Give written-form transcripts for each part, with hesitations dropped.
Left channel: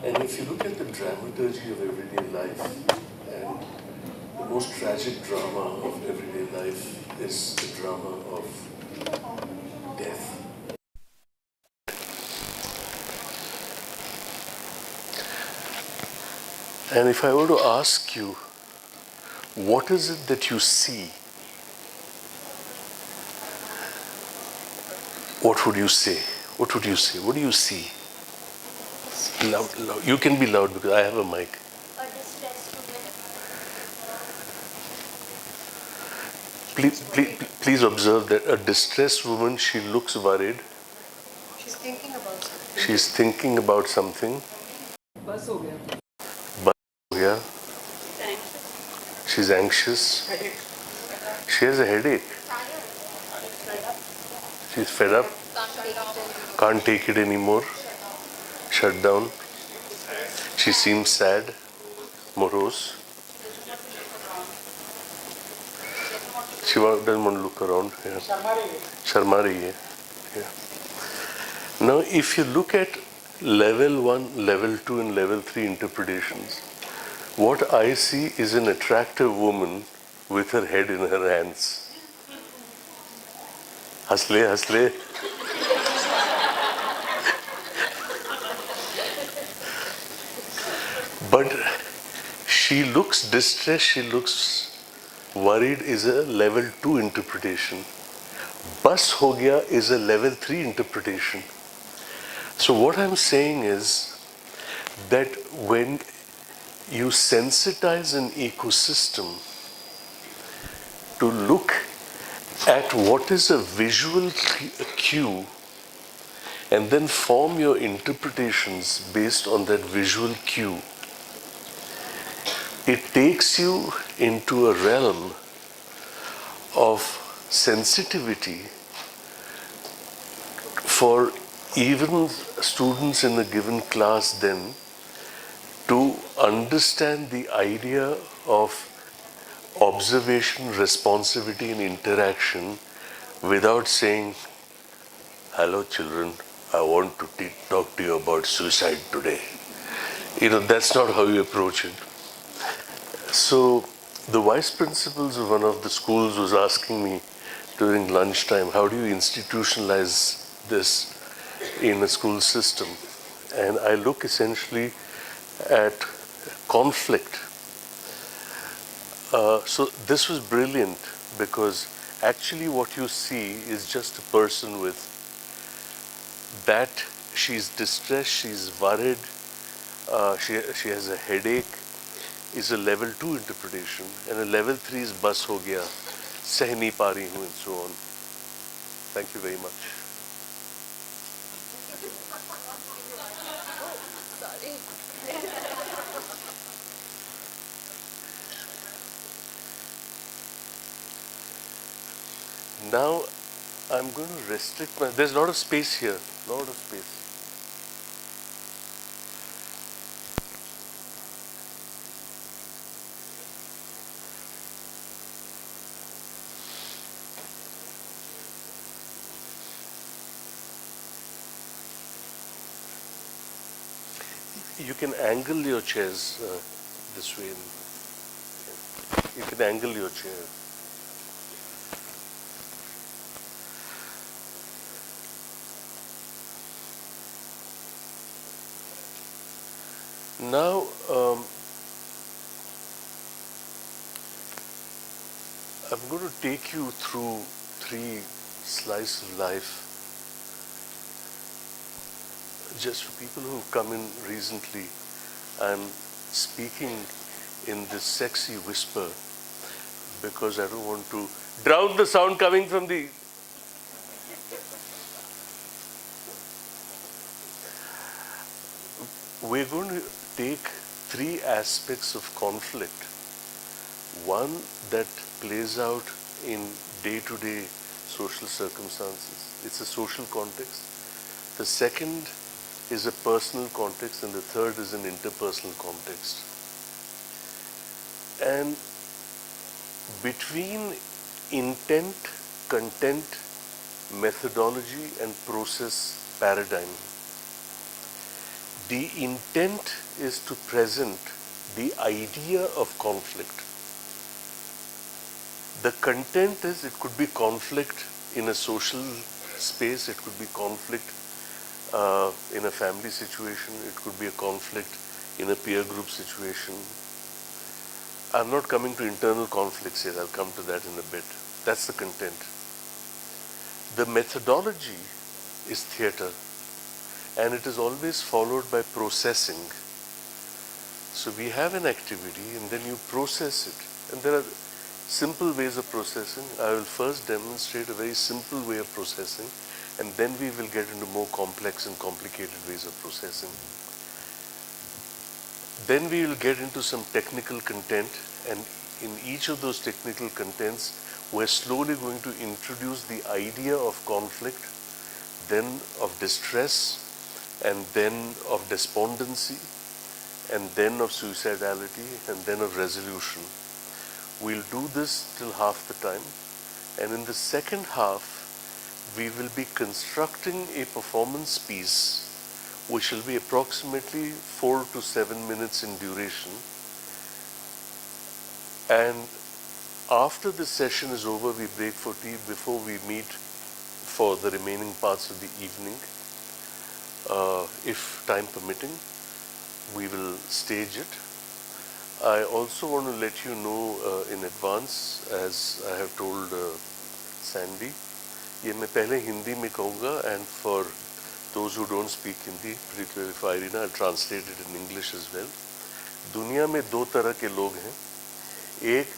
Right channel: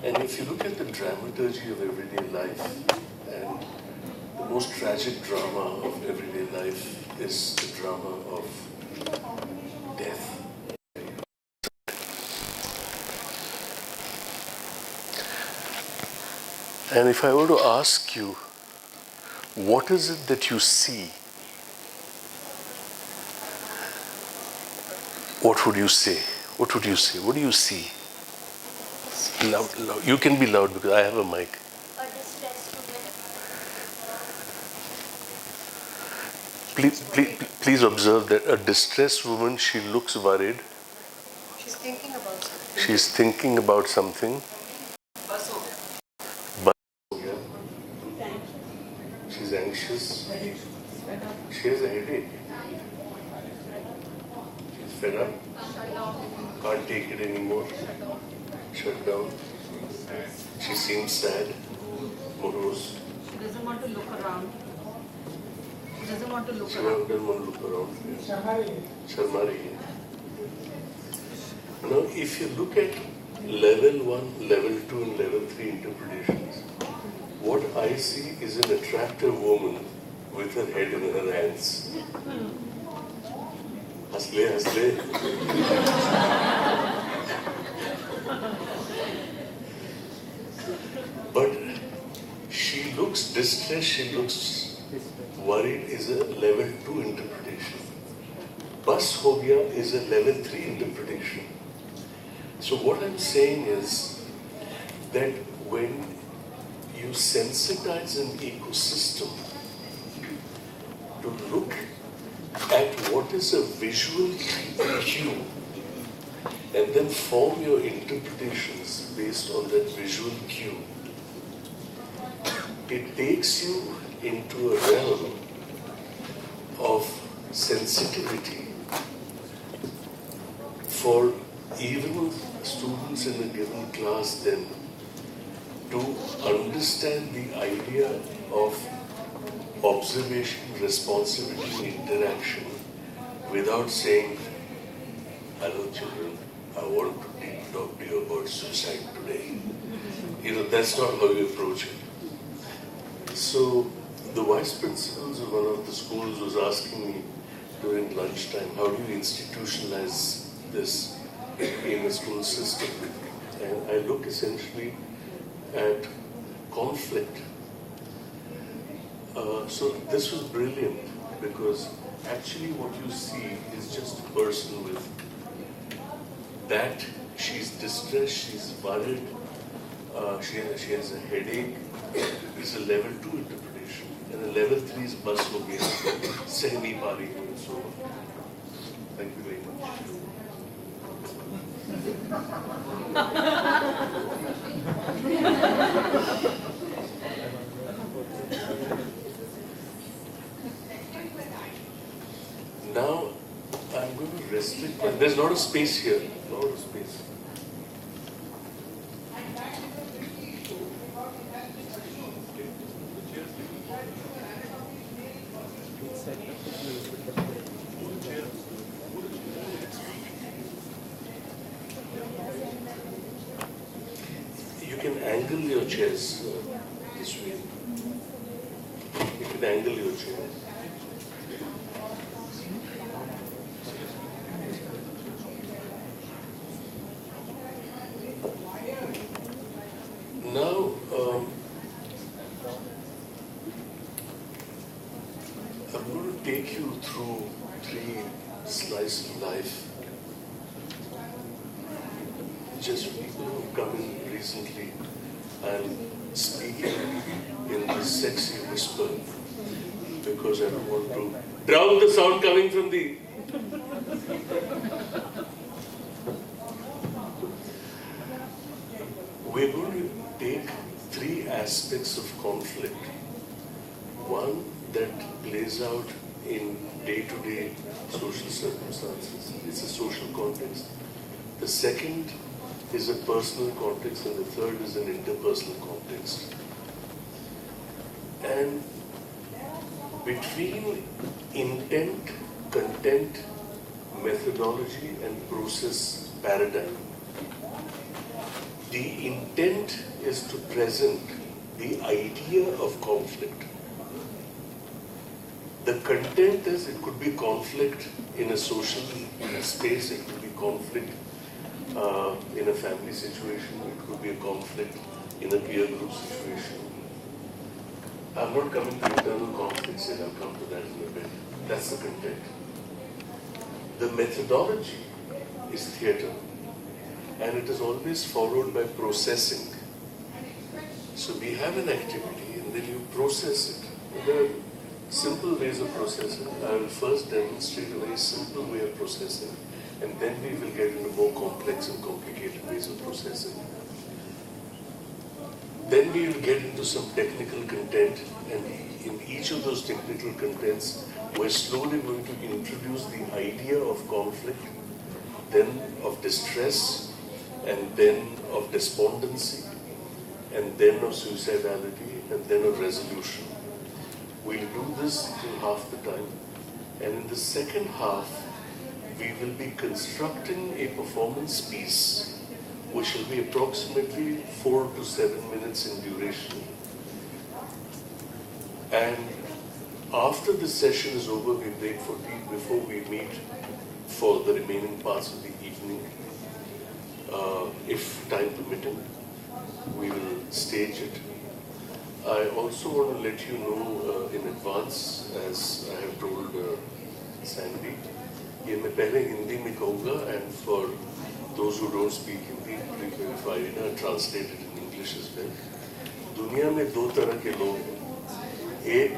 And if you look at the dramaturgy of everyday life, and the most tragic drama of everyday life is the drama of death. And if I were to ask you, what is it that you see? What would you say? What would you say? What do you see? Loud, loud. You can be loud because I have a mic. A distressed woman. Please observe that a distressed woman, she looks worried. She's thinking about something. She's thinking about something. Bus ho gaya. Yeah. She's anxious. She has a headache. She's fed up. Can't take it anymore. Shut down. She seems sad, morose. She doesn't want to look around. Yeah. Sharma rahi hai. Yeah. Now, if you look at level 1, level 2 and level 3 interpretations, what I see is an attractive woman with her head in her hands. Hasle, hasle. But she looks distressed, she looks worried is a level 2 interpretation. Bus ho gaya is a level 3 interpretation. So what I'm saying is that when you sensitize an ecosystem to look at what is a visual cue and then form your interpretations based on that visual cue, it takes you into a realm of sensitivity for even students in a given class then to understand the idea of observation, responsivity and interaction without saying, hello children, I want to talk to you about suicide today. That's not how you approach it. So the vice principals of one of the schools was asking me during lunchtime, how do you institutionalize this in a school system? And I look essentially at conflict. So this was brilliant because actually what you see is just a person with that, she's distressed, she's worried, she has a headache, is a level 2 interpretation, and a level 3 is bus ho gaya, seh nahi pa rahi hu, and so on. Thank you very much. Now, I'm going to restrict my... There's not a space here. Not a space. You can angle your chairs this way. You can angle your chair. Now, I'm going to take you through 3 slices of life. Just for people who've come in recently, I'm speaking in this sexy whisper because I don't want to drown the sound coming from the... We're going to take 3 aspects of conflict. One that plays out in day-to-day social circumstances. It's a social context. The second is a personal context, and the third is an interpersonal context. And between intent, content, methodology, and process paradigm, The intent is to present the idea of conflict. The content is, it could be conflict in a social space, it could be conflict in a family situation, it could be a conflict in a peer group situation. I'm not coming to internal conflicts yet, I'll come to that in a bit. That's the content. The methodology is theatre, and it is always followed by processing. So we have an activity and then you process it. And there are simple ways of processing. I will first demonstrate a very simple way of processing, and then we will get into more complex and complicated ways of processing. Then we will get into some technical content, and in each of those technical contents, we're slowly going to introduce the idea of conflict, then of distress, and then of despondency, and then of suicidality, and then of resolution. We'll do this till half the time, and in the second half, we will be constructing a performance piece which will be approximately 4 to 7 minutes in duration. And after the session is over, we break for tea before we meet for the remaining parts of the evening. If time permitting, we will stage it. I also want to let you know in advance, as I have told Sandy, ये मैं पहले हिंदी में कहूँगा, and for those who don't speak Hindi, please verify it. I translated in English as well. दुनिया में दो तरह के लोग हैं. एक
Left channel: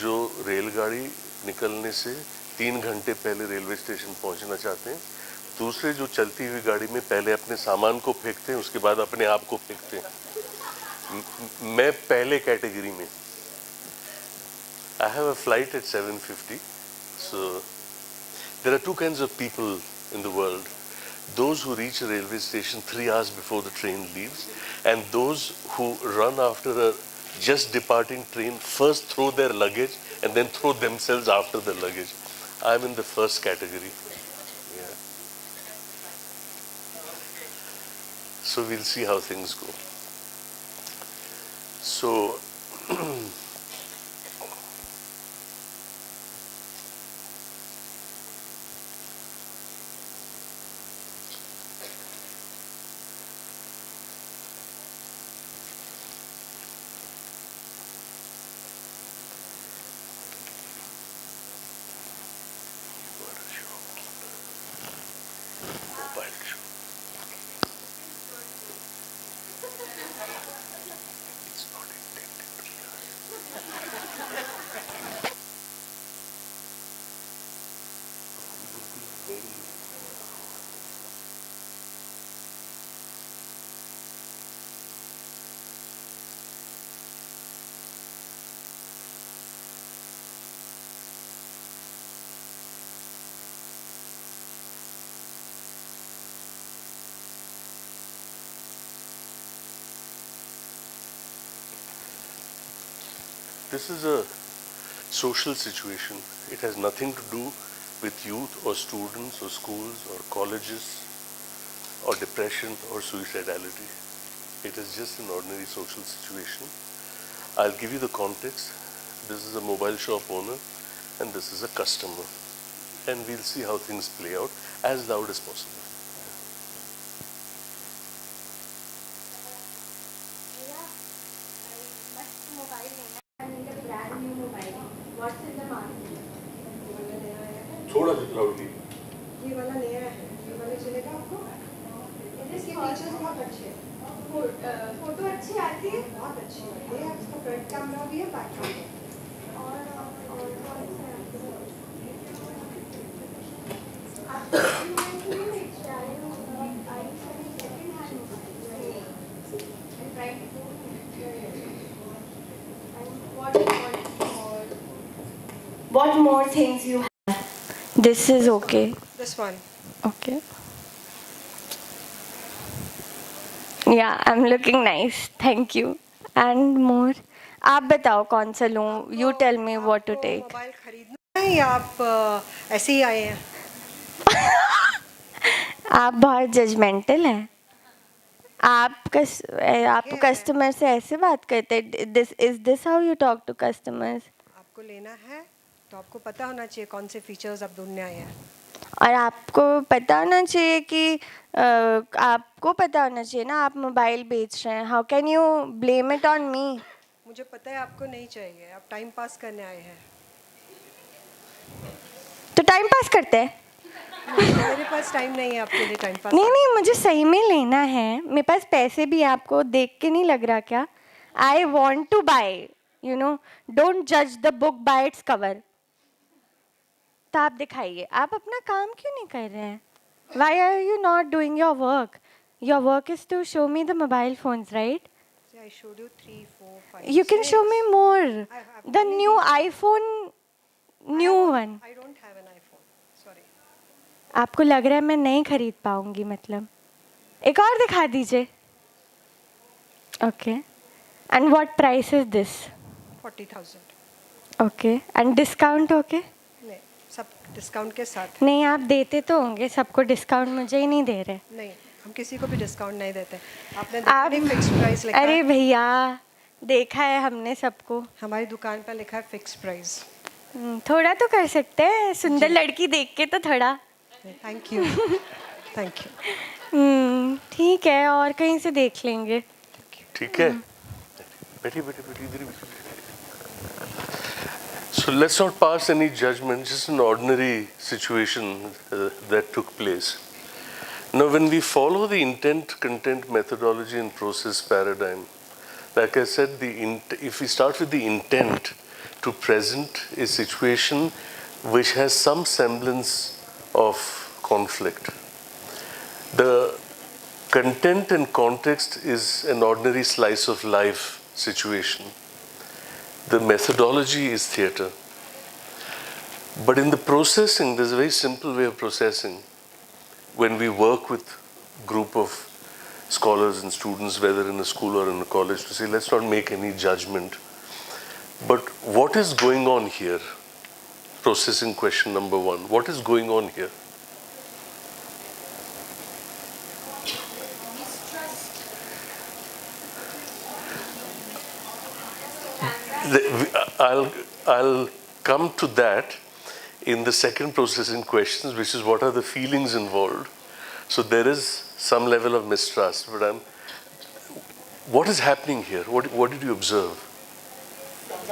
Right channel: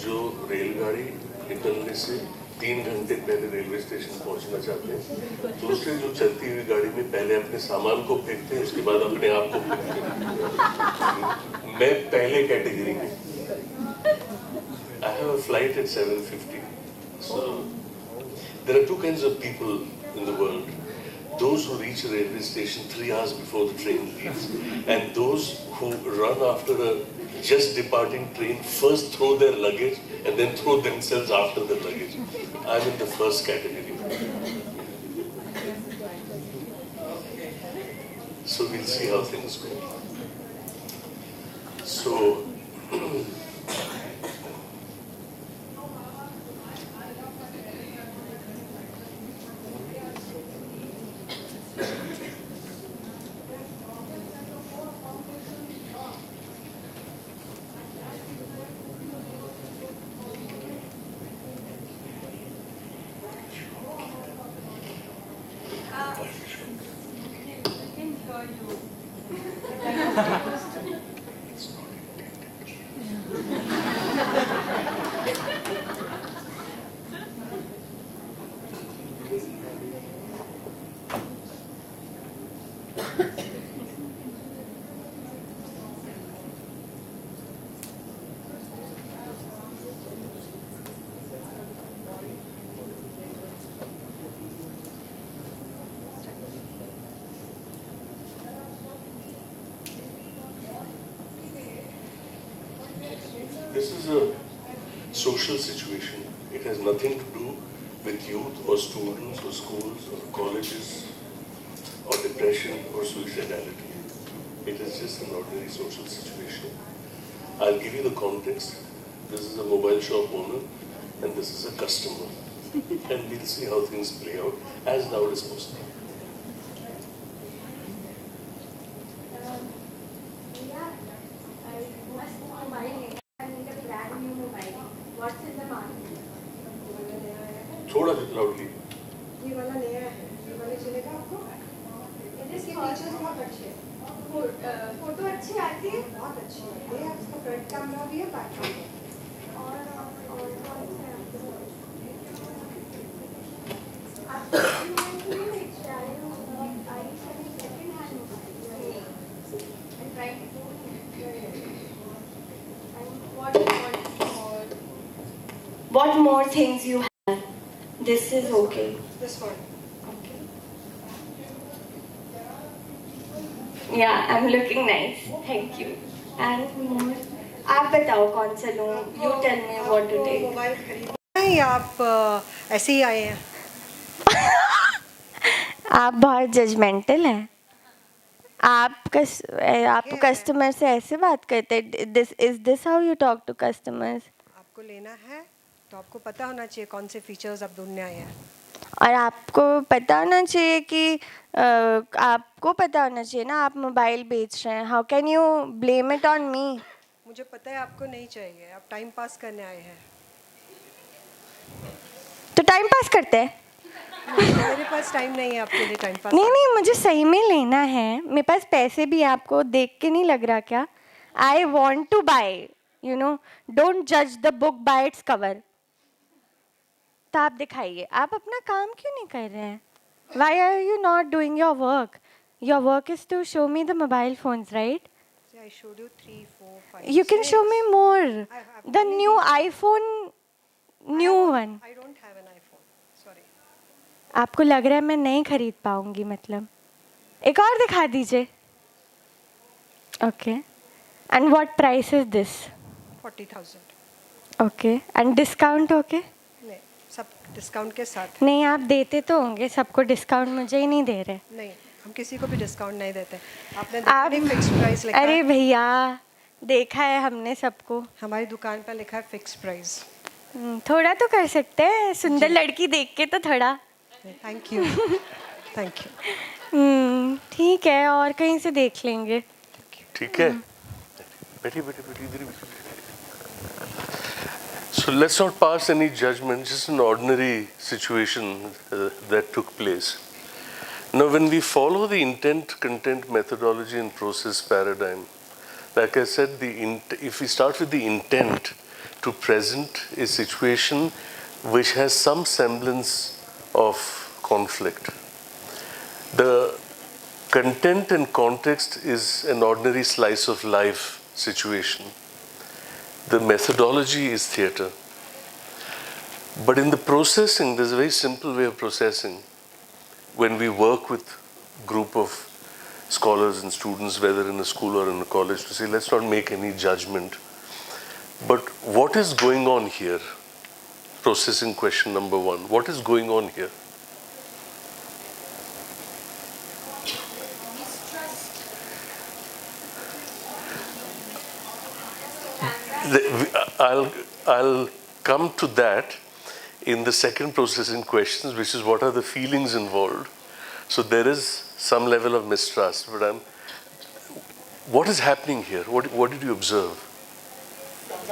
जो रेलगाड़ी निकलने से 3 घंटे पहले रेलवे स्टेशन पहुंचना चाहते हैं, दूसरे जो चलती हुई गाड़ी में पहले अपने सामान को फेंकते हैं, उसके बाद अपने आप को फेंकते हैं. मैं पहले कैटेगरी में. I have a flight at 7:50. So there are two kinds of people in the world. Those who reach a railway station 3 hours before the train leaves, and those who run after a just departing train, first throw their luggage and then throw themselves after the luggage. I'm in the first category. So we'll see how things go. So this is a social situation. It has nothing to do with youth or students or schools or colleges or depression or suicidality. It is just an ordinary social situation. I'll give you the context. This is a mobile shop owner and this is a customer. And we'll see how things play out as loud as possible. थोड़ा loudly. ये वाला नया है, ये वाला चलेगा आपको? इसके फीचर्स बहुत अच्छे हैं. फोटो अच्छी आती है, बहुत अच्छी है. ये इसका फ्रंट कैमरा भी है, बैक कैमरा. और What more things you have? This is okay. this one. Okay. Yeah, I'm looking nice. Thank you. And more. आप बताओ कौन सा लूँ? You tell me what to take. नहीं, आप ऐसे ही आए हैं. आप बहुत जजमेंटल हैं. आप कस्टमर से ऐसे बात करते हैं? This how you talk to customers? आपको लेना है तो आपको पता होना चाहिए कौन से फीचर्स अब ढूंढने आए हैं। और आपको पता होना चाहिए कि आपको पता होना चाहिए ना, आप मोबाइल बेच रहे हैं. How can you blame it on me? मुझे पता है आपको नहीं चाहिए, आप टाइम पास करने आए हैं। तो टाइम पास करते हैं? मेरे पास टाइम नहीं है आपके लिए टाइम पास। नहीं, मुझे सही में लेना है. मेरे पास पैसे भी, आपको देख के नहीं लग रहा क्या? I want to buy, you know. Don't जज the book by its cover. तो आप दिखाइए, आप अपना काम क्यों नहीं कर रहे हैं? Why are you not doing your work? Your work is to show me the mobile phones, right? I showed you 3, 4, 5, You can 6. show me more. I've The only new these. iPhone, new one. I don't have an iPhone. Sorry. आपको लग रहा है मैं नहीं खरीद पाऊंगी मतलब? एक और दिखा दीजिए. Okay. And what price is this? 40,000. Okay. And discount okay? नहीं, सब डिस्काउंट के साथ। नहीं, आप देते तो होंगे सबको डिस्काउंट, मुझे ही नहीं दे रहे. नहीं, हम किसी को भी डिस्काउंट नहीं देते। आपने आप देखा फिक्स प्राइस लिखा अरे है? भैया, देखा है हमने सबको. हमारी दुकान पर लिखा है फिक्स प्राइस। थोड़ा तो कर सकते हैं, सुंदर लड़की देख के तो थोड़ा. Thank you, thank you. ठीक है, और कहीं से देख लेंगे. ठीक है, बैठी बैठी बैठी इधर ही बैठी. So let's not pass any judgment, just an ordinary situation that took place. Now when we follow the intent, content, methodology and process paradigm, like I said, if we start with the intent to present a situation which has some semblance of conflict, the content and context is an ordinary slice of life situation. The methodology is theater. But in the processing, there's a very simple way of processing. When we work with a group of scholars and students, whether in a school or in a college, to say, let's not make any judgment. But what is going on here? Processing question number one. What is going on here? I'll come to that in the second processing questions, which is what are the feelings involved. So there is some level of mistrust, but what is happening here? What did you observe?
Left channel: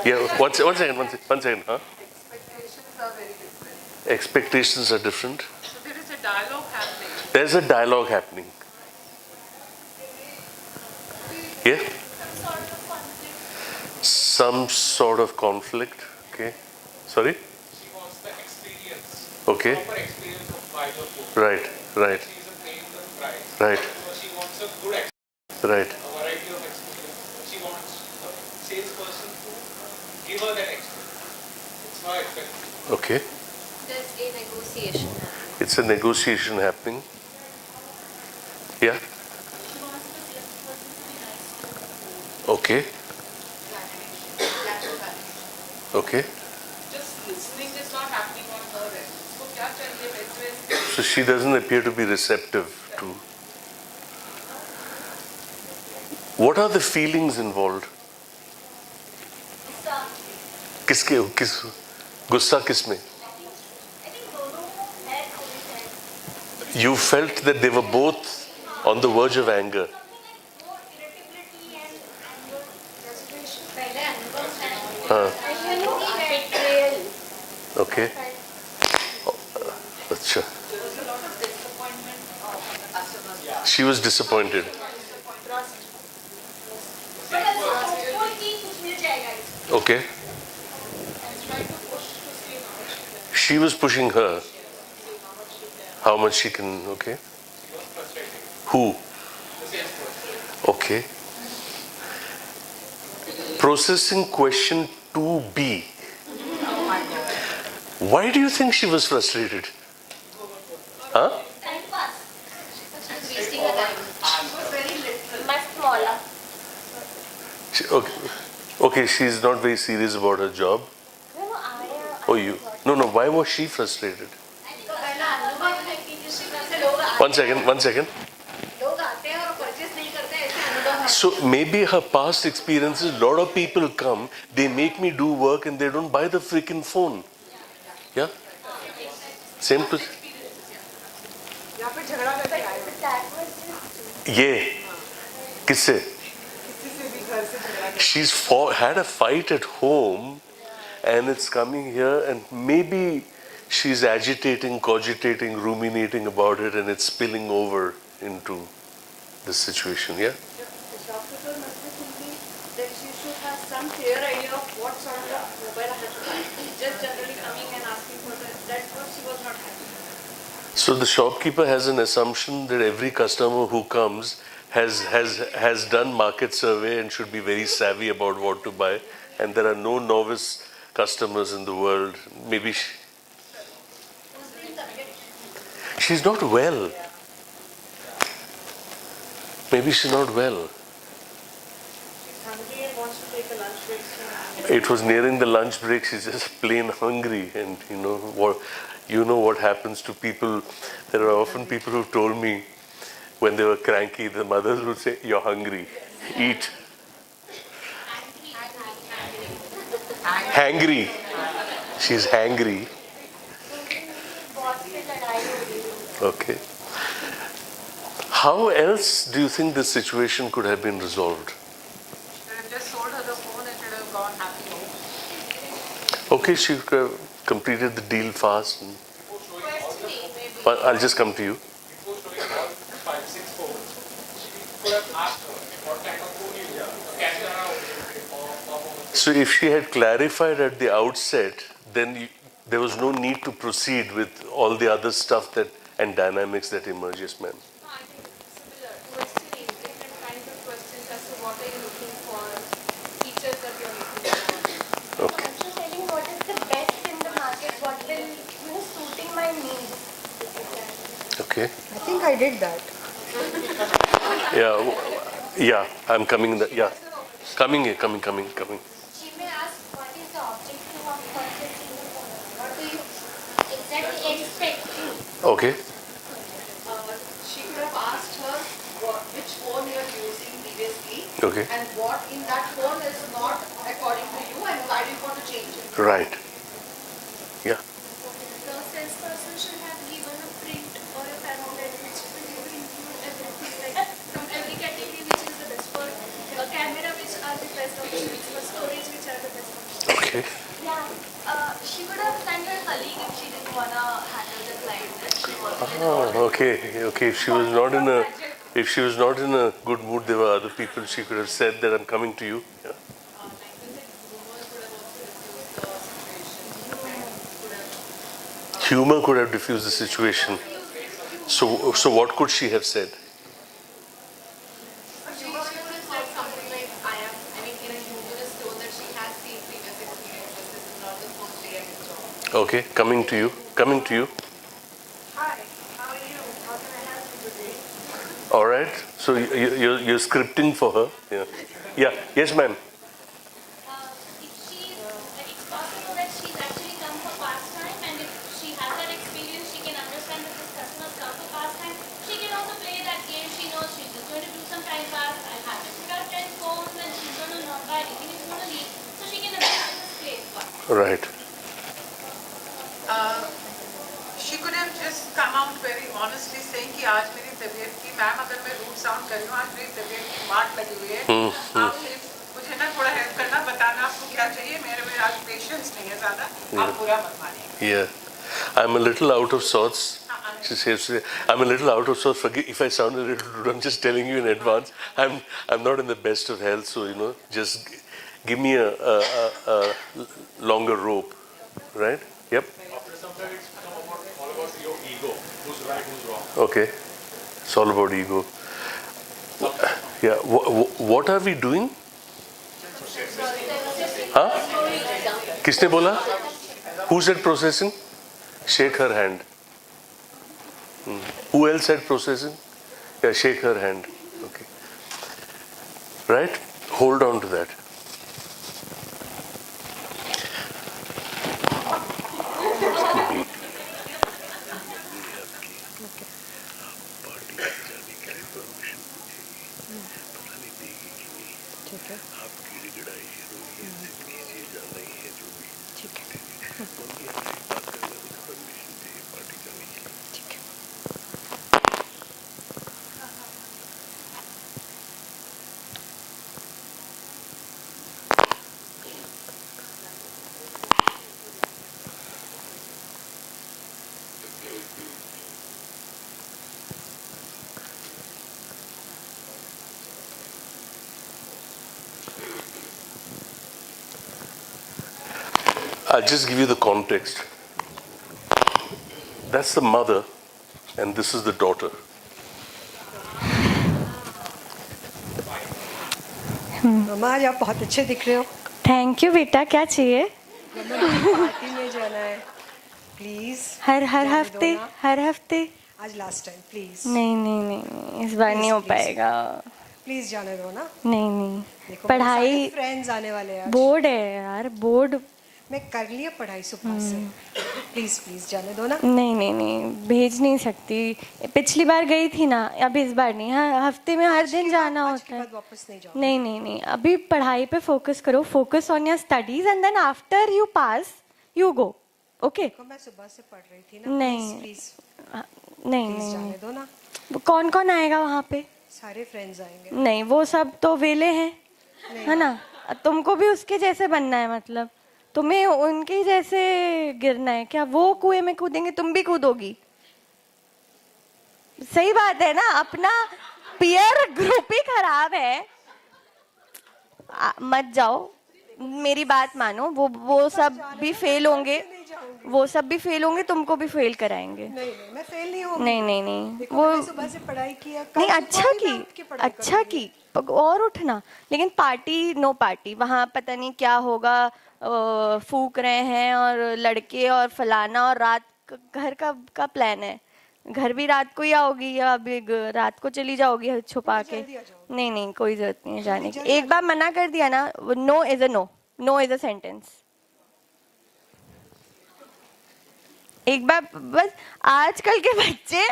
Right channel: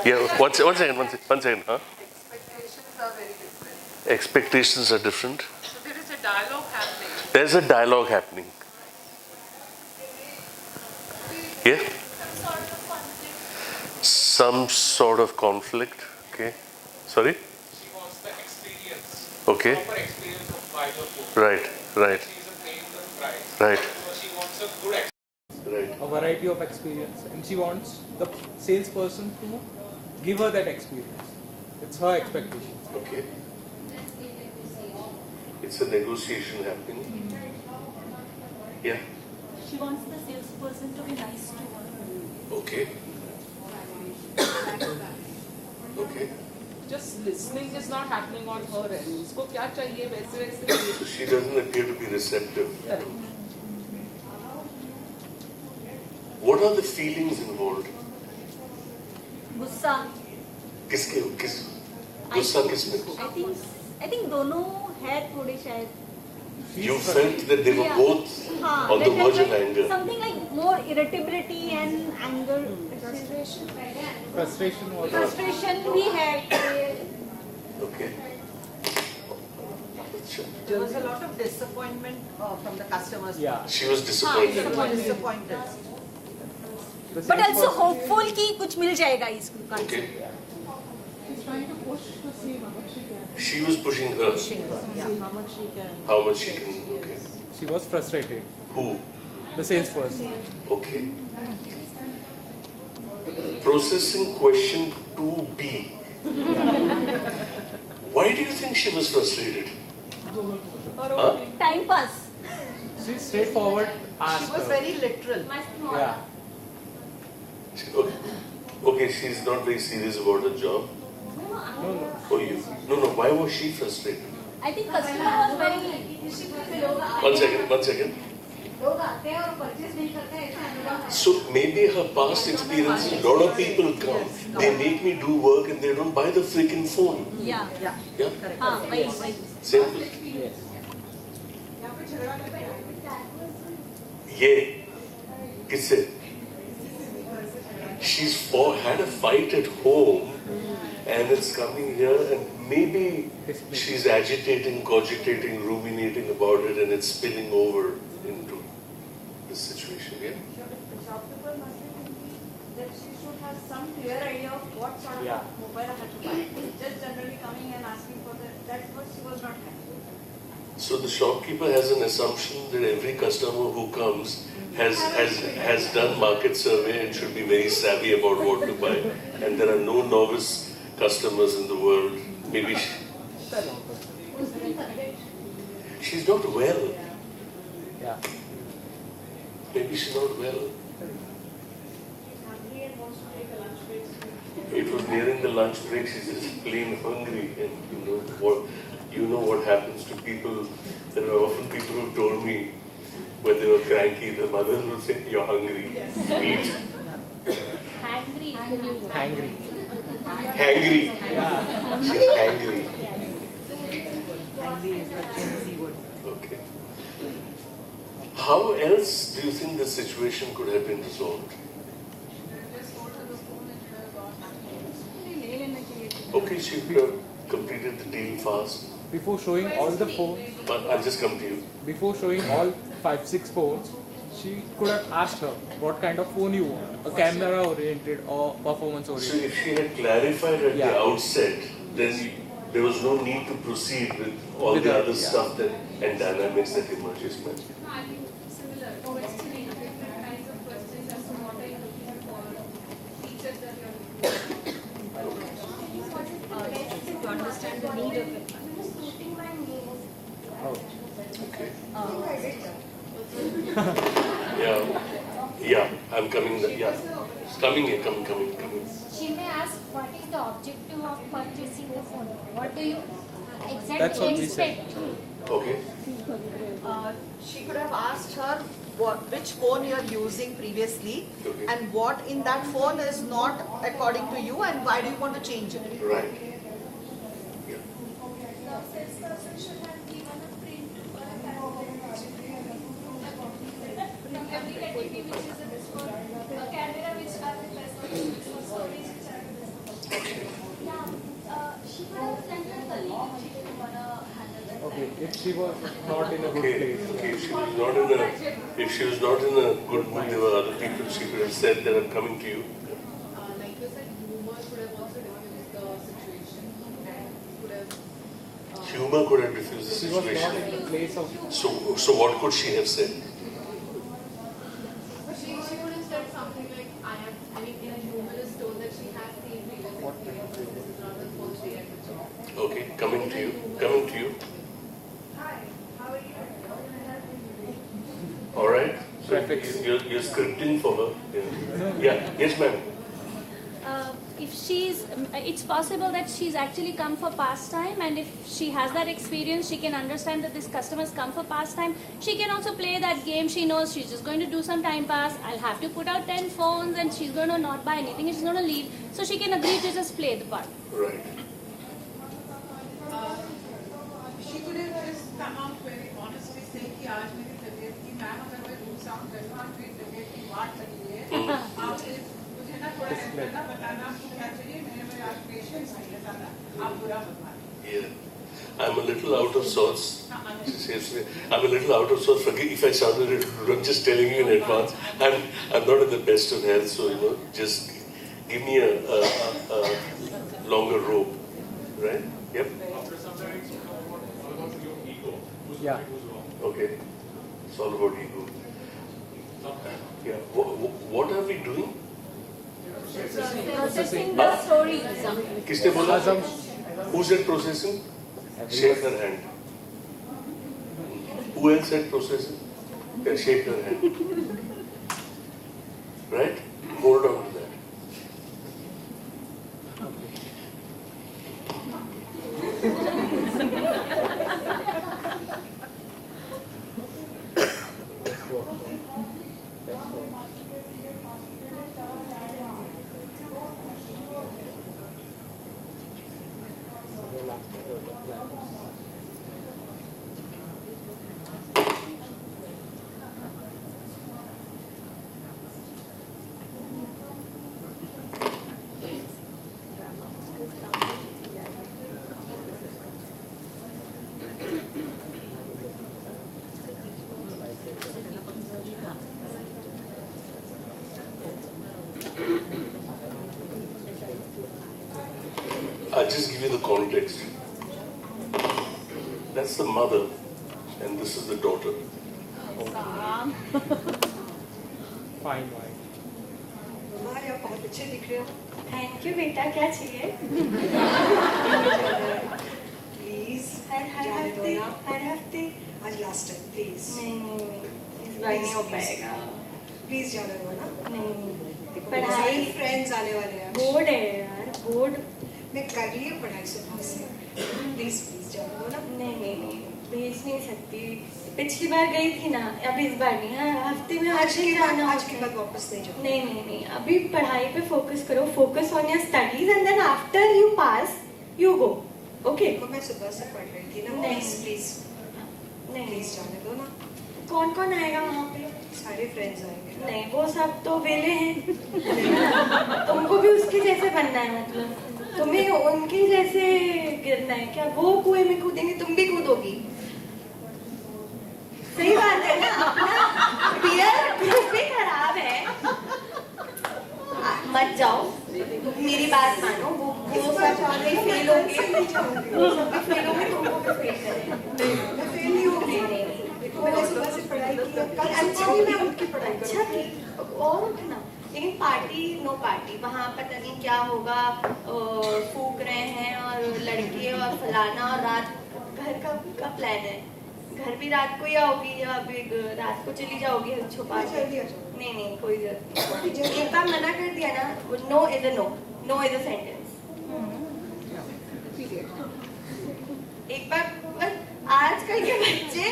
Yeah, one second. Huh? Expectations are very different. Expectations are different. So there is a dialogue happening. There's a dialogue happening. Yeah? Some sort of conflict. Okay. Sorry? She wants the experience. Okay. Proper experience of buying a food. Right. She isn't paying the price. Right. So she wants a good experience. Right. A variety of experience. And she wants the salesperson to give her that experience. It's her expectation. Okay. There's a negotiation. It's a negotiation happening. Yeah. She wants the salesperson to be nice to her. Okay. Okay. Just listening is not happening on her end. So क्या चाहिए वैसे वैसे. So she doesn't appear to be receptive to. What are the feelings involved? गुस्सा. किस गुस्सा किसमें? I think दोनों है थोड़े शायद. You felt that they were both on the verge of anger. Something like more irritability and anger. Frustration. Frustration ही है. Okay. Acha. There was a lot of disappointment from the customers. Yeah. She was disappointed. Disappointed. But also hopeful कि कुछ मिल जाएगा इसमें. Okay. She's trying to push to see how much she can. She was pushing her. How much she can. How much she can. Okay. She was frustrated. Who? The salesperson. Okay. Processing question 2B. Why do you think she was frustrated? Huh? Time pass. Straightforward. She was very literal. Much smaller. Okay. Okay, she's not very serious about her job. Oh, you? No. Why was she frustrated? I think customer One second. लोग आते हैं और purchase नहीं करते So maybe her past experiences, a lot of people come, they make me do work and they don't buy the freaking phone. Yeah. Yeah? हाँ वही. Same to या फिर झगड़ा करके आए ये किससे? She's had a fight at home and it's coming here and maybe she's agitating, cogitating, ruminating about it and it's spilling over into this situation, yeah? The shopkeeper must be thinking that she should have some clear idea of what sort of mobile I have to buy. Just generally coming and asking for that. That's what she was not having. So the shopkeeper has an assumption that every customer who comes has done market survey and should be very savvy about what to buy. And there are no novice customers in the world. Maybe she's not well. Maybe she's not well. Hungry and wants to take a lunch break. It was nearing the lunch break. She's just plain hungry, and you know what happens to people. There are often people who told me when they were cranky, the mothers would say, "You're hungry, eat." Hangry. She's hangry. Okay. How else do you think this situation could have been resolved? Just sold her the phone and should have gone happy. Okay, she could have completed the deal fast. Before showing all the phones, But I'll just come to you. before showing all 5-6 phones, she could have asked her what kind of phone you want, a camera oriented or performance So oriented. if she had clarified at the outset, then there was no need to proceed with all the other stuff and dynamics that emerges, man. I think similar questioning, different kinds of questions as to what are you looking for, features that you're looking for. Okay. What is the best in the market? What is suiting my needs? Okay. I think I did that. Yeah, I'm coming. Yeah, coming here, coming. She may ask what is the objective of purchasing the phone? What do you That's exactly what she said. expect? Okay. She could have asked her which phone you're using previously Okay. and what in that phone is not according to you and why do you want to change it. Right. Yeah. The salesperson should have given a print or a pamphlet which will include everything, like from every category which is the best for a camera, which are the best options, for storage, which are the best options. Okay. She could have sent her colleague if she didn't wanna handle the client. Okay. If she was not in a good mood, there were other people. She could have said that I'm coming to you. Yeah. Like you said, humor could have also diffused the situation. Humor could have diffused the situation. So what could she have said? She would have said something like, I mean, in a humorous tone that she has seen previous experiences. This is not the first day at the job. Okay, coming to you. Hi, how are you? How can I help you today? All right. So you're scripting for her. Yeah. Yes, ma'am. If it's possible that she's actually come for pastime, and if she has that experience, she can understand that this customer's come for pastime. She can also play that game. She knows she's just going to do some time pass. I have to put out 10 phones and she's going to not buy anything. She's going to leave. So she can agree to just play the part. Right. She could have just come out very honestly saying कि आज मेरी तबीयत की ma'am अगर मैं root sound कर रही हूँ आज मेरी तबीयत की मार लगी हुई है आप सिर्फ मुझे ना थोड़ा हेल्प करना बताना आपको क्या चाहिए मेरे आज पेशेंस नहीं है ज़्यादा आप बुरा मत मानिए. Yeah. I'm a little out of sorts. She says, I'm a little out of sorts. Forgive if I sound a little rude. I'm just telling you in advance. I'm not in the best of health, so just give me a longer rope, right? Yep. After some time, it's all about your ego. Who's right, who's wrong. Okay. It's all about ego. Yeah. What are we doing? Huh? किसने बोला? Who said processing? Shake her hand. Who else said processing? Yeah, shake her hand. Okay. Right? Hold on to that. I'll just give you the context. That's the mother, and this is the daughter. मम्मा आज आप बहुत अच्छे दिख रहे हो. Thank you बेटा, क्या चाहिए? प्लीज हर हफ्ते आज लास्ट टाइम प्लीज. नहीं, इस बार नहीं हो पाएगा. प्लीज जाने दो ना. नहीं, पढ़ाई, फ्रेंड्स आने वाले हैं. बोर्ड है यार, बोर्ड. मैं कर लिया पढ़ाई सुबह से. प्लीज जाने दो ना. नहीं, भेज नहीं सकती. पिछली बार गई थी ना, अब इस बार नहीं. हाँ, हफ्ते में हर दिन जाना आज के होता है. बाद वापस नहीं जाना. नहीं, अभी पढ़ाई पे फोकस करो. Focus on your studies and then after you pass you go. Okay. मैं सुबह से पढ़ रही थी ना. नहीं. प्लीज नहीं, जाने दो ना. कौन आएगा वहाँ पे? सारे फ्रेंड्स आएंगे. नहीं, वो सब तो वेले हैं, है ना. तुमको भी उसके जैसे बनना है, मतलब तुम्हें उनके जैसे गिरना है क्या? वो कुएं में कूदेंगे, तुम भी कूदोगी. सही बात है ना, अपना पीयर ग्रुप ही खराब है. मत जाओ, मेरी बात मानो. वो सब भी फेल होंगे, तुमको भी फेल कराएंगे. नहीं, वो नहीं. अच्छा की और उठना. लेकिन पार्टी, नो पार्टी. वहाँ पता नहीं क्या होगा, फूक रहे हैं और लड़के और फलाना, और रात घर का प्लान है. घर भी रात को ही आओगी या अभी रात को चली जाओगी छुपा के? नहीं, कोई जरूरत नहीं है जाने की. एक बार मना कर दिया ना, no is a no is a sentence. एक बार बस. आजकल के बच्चे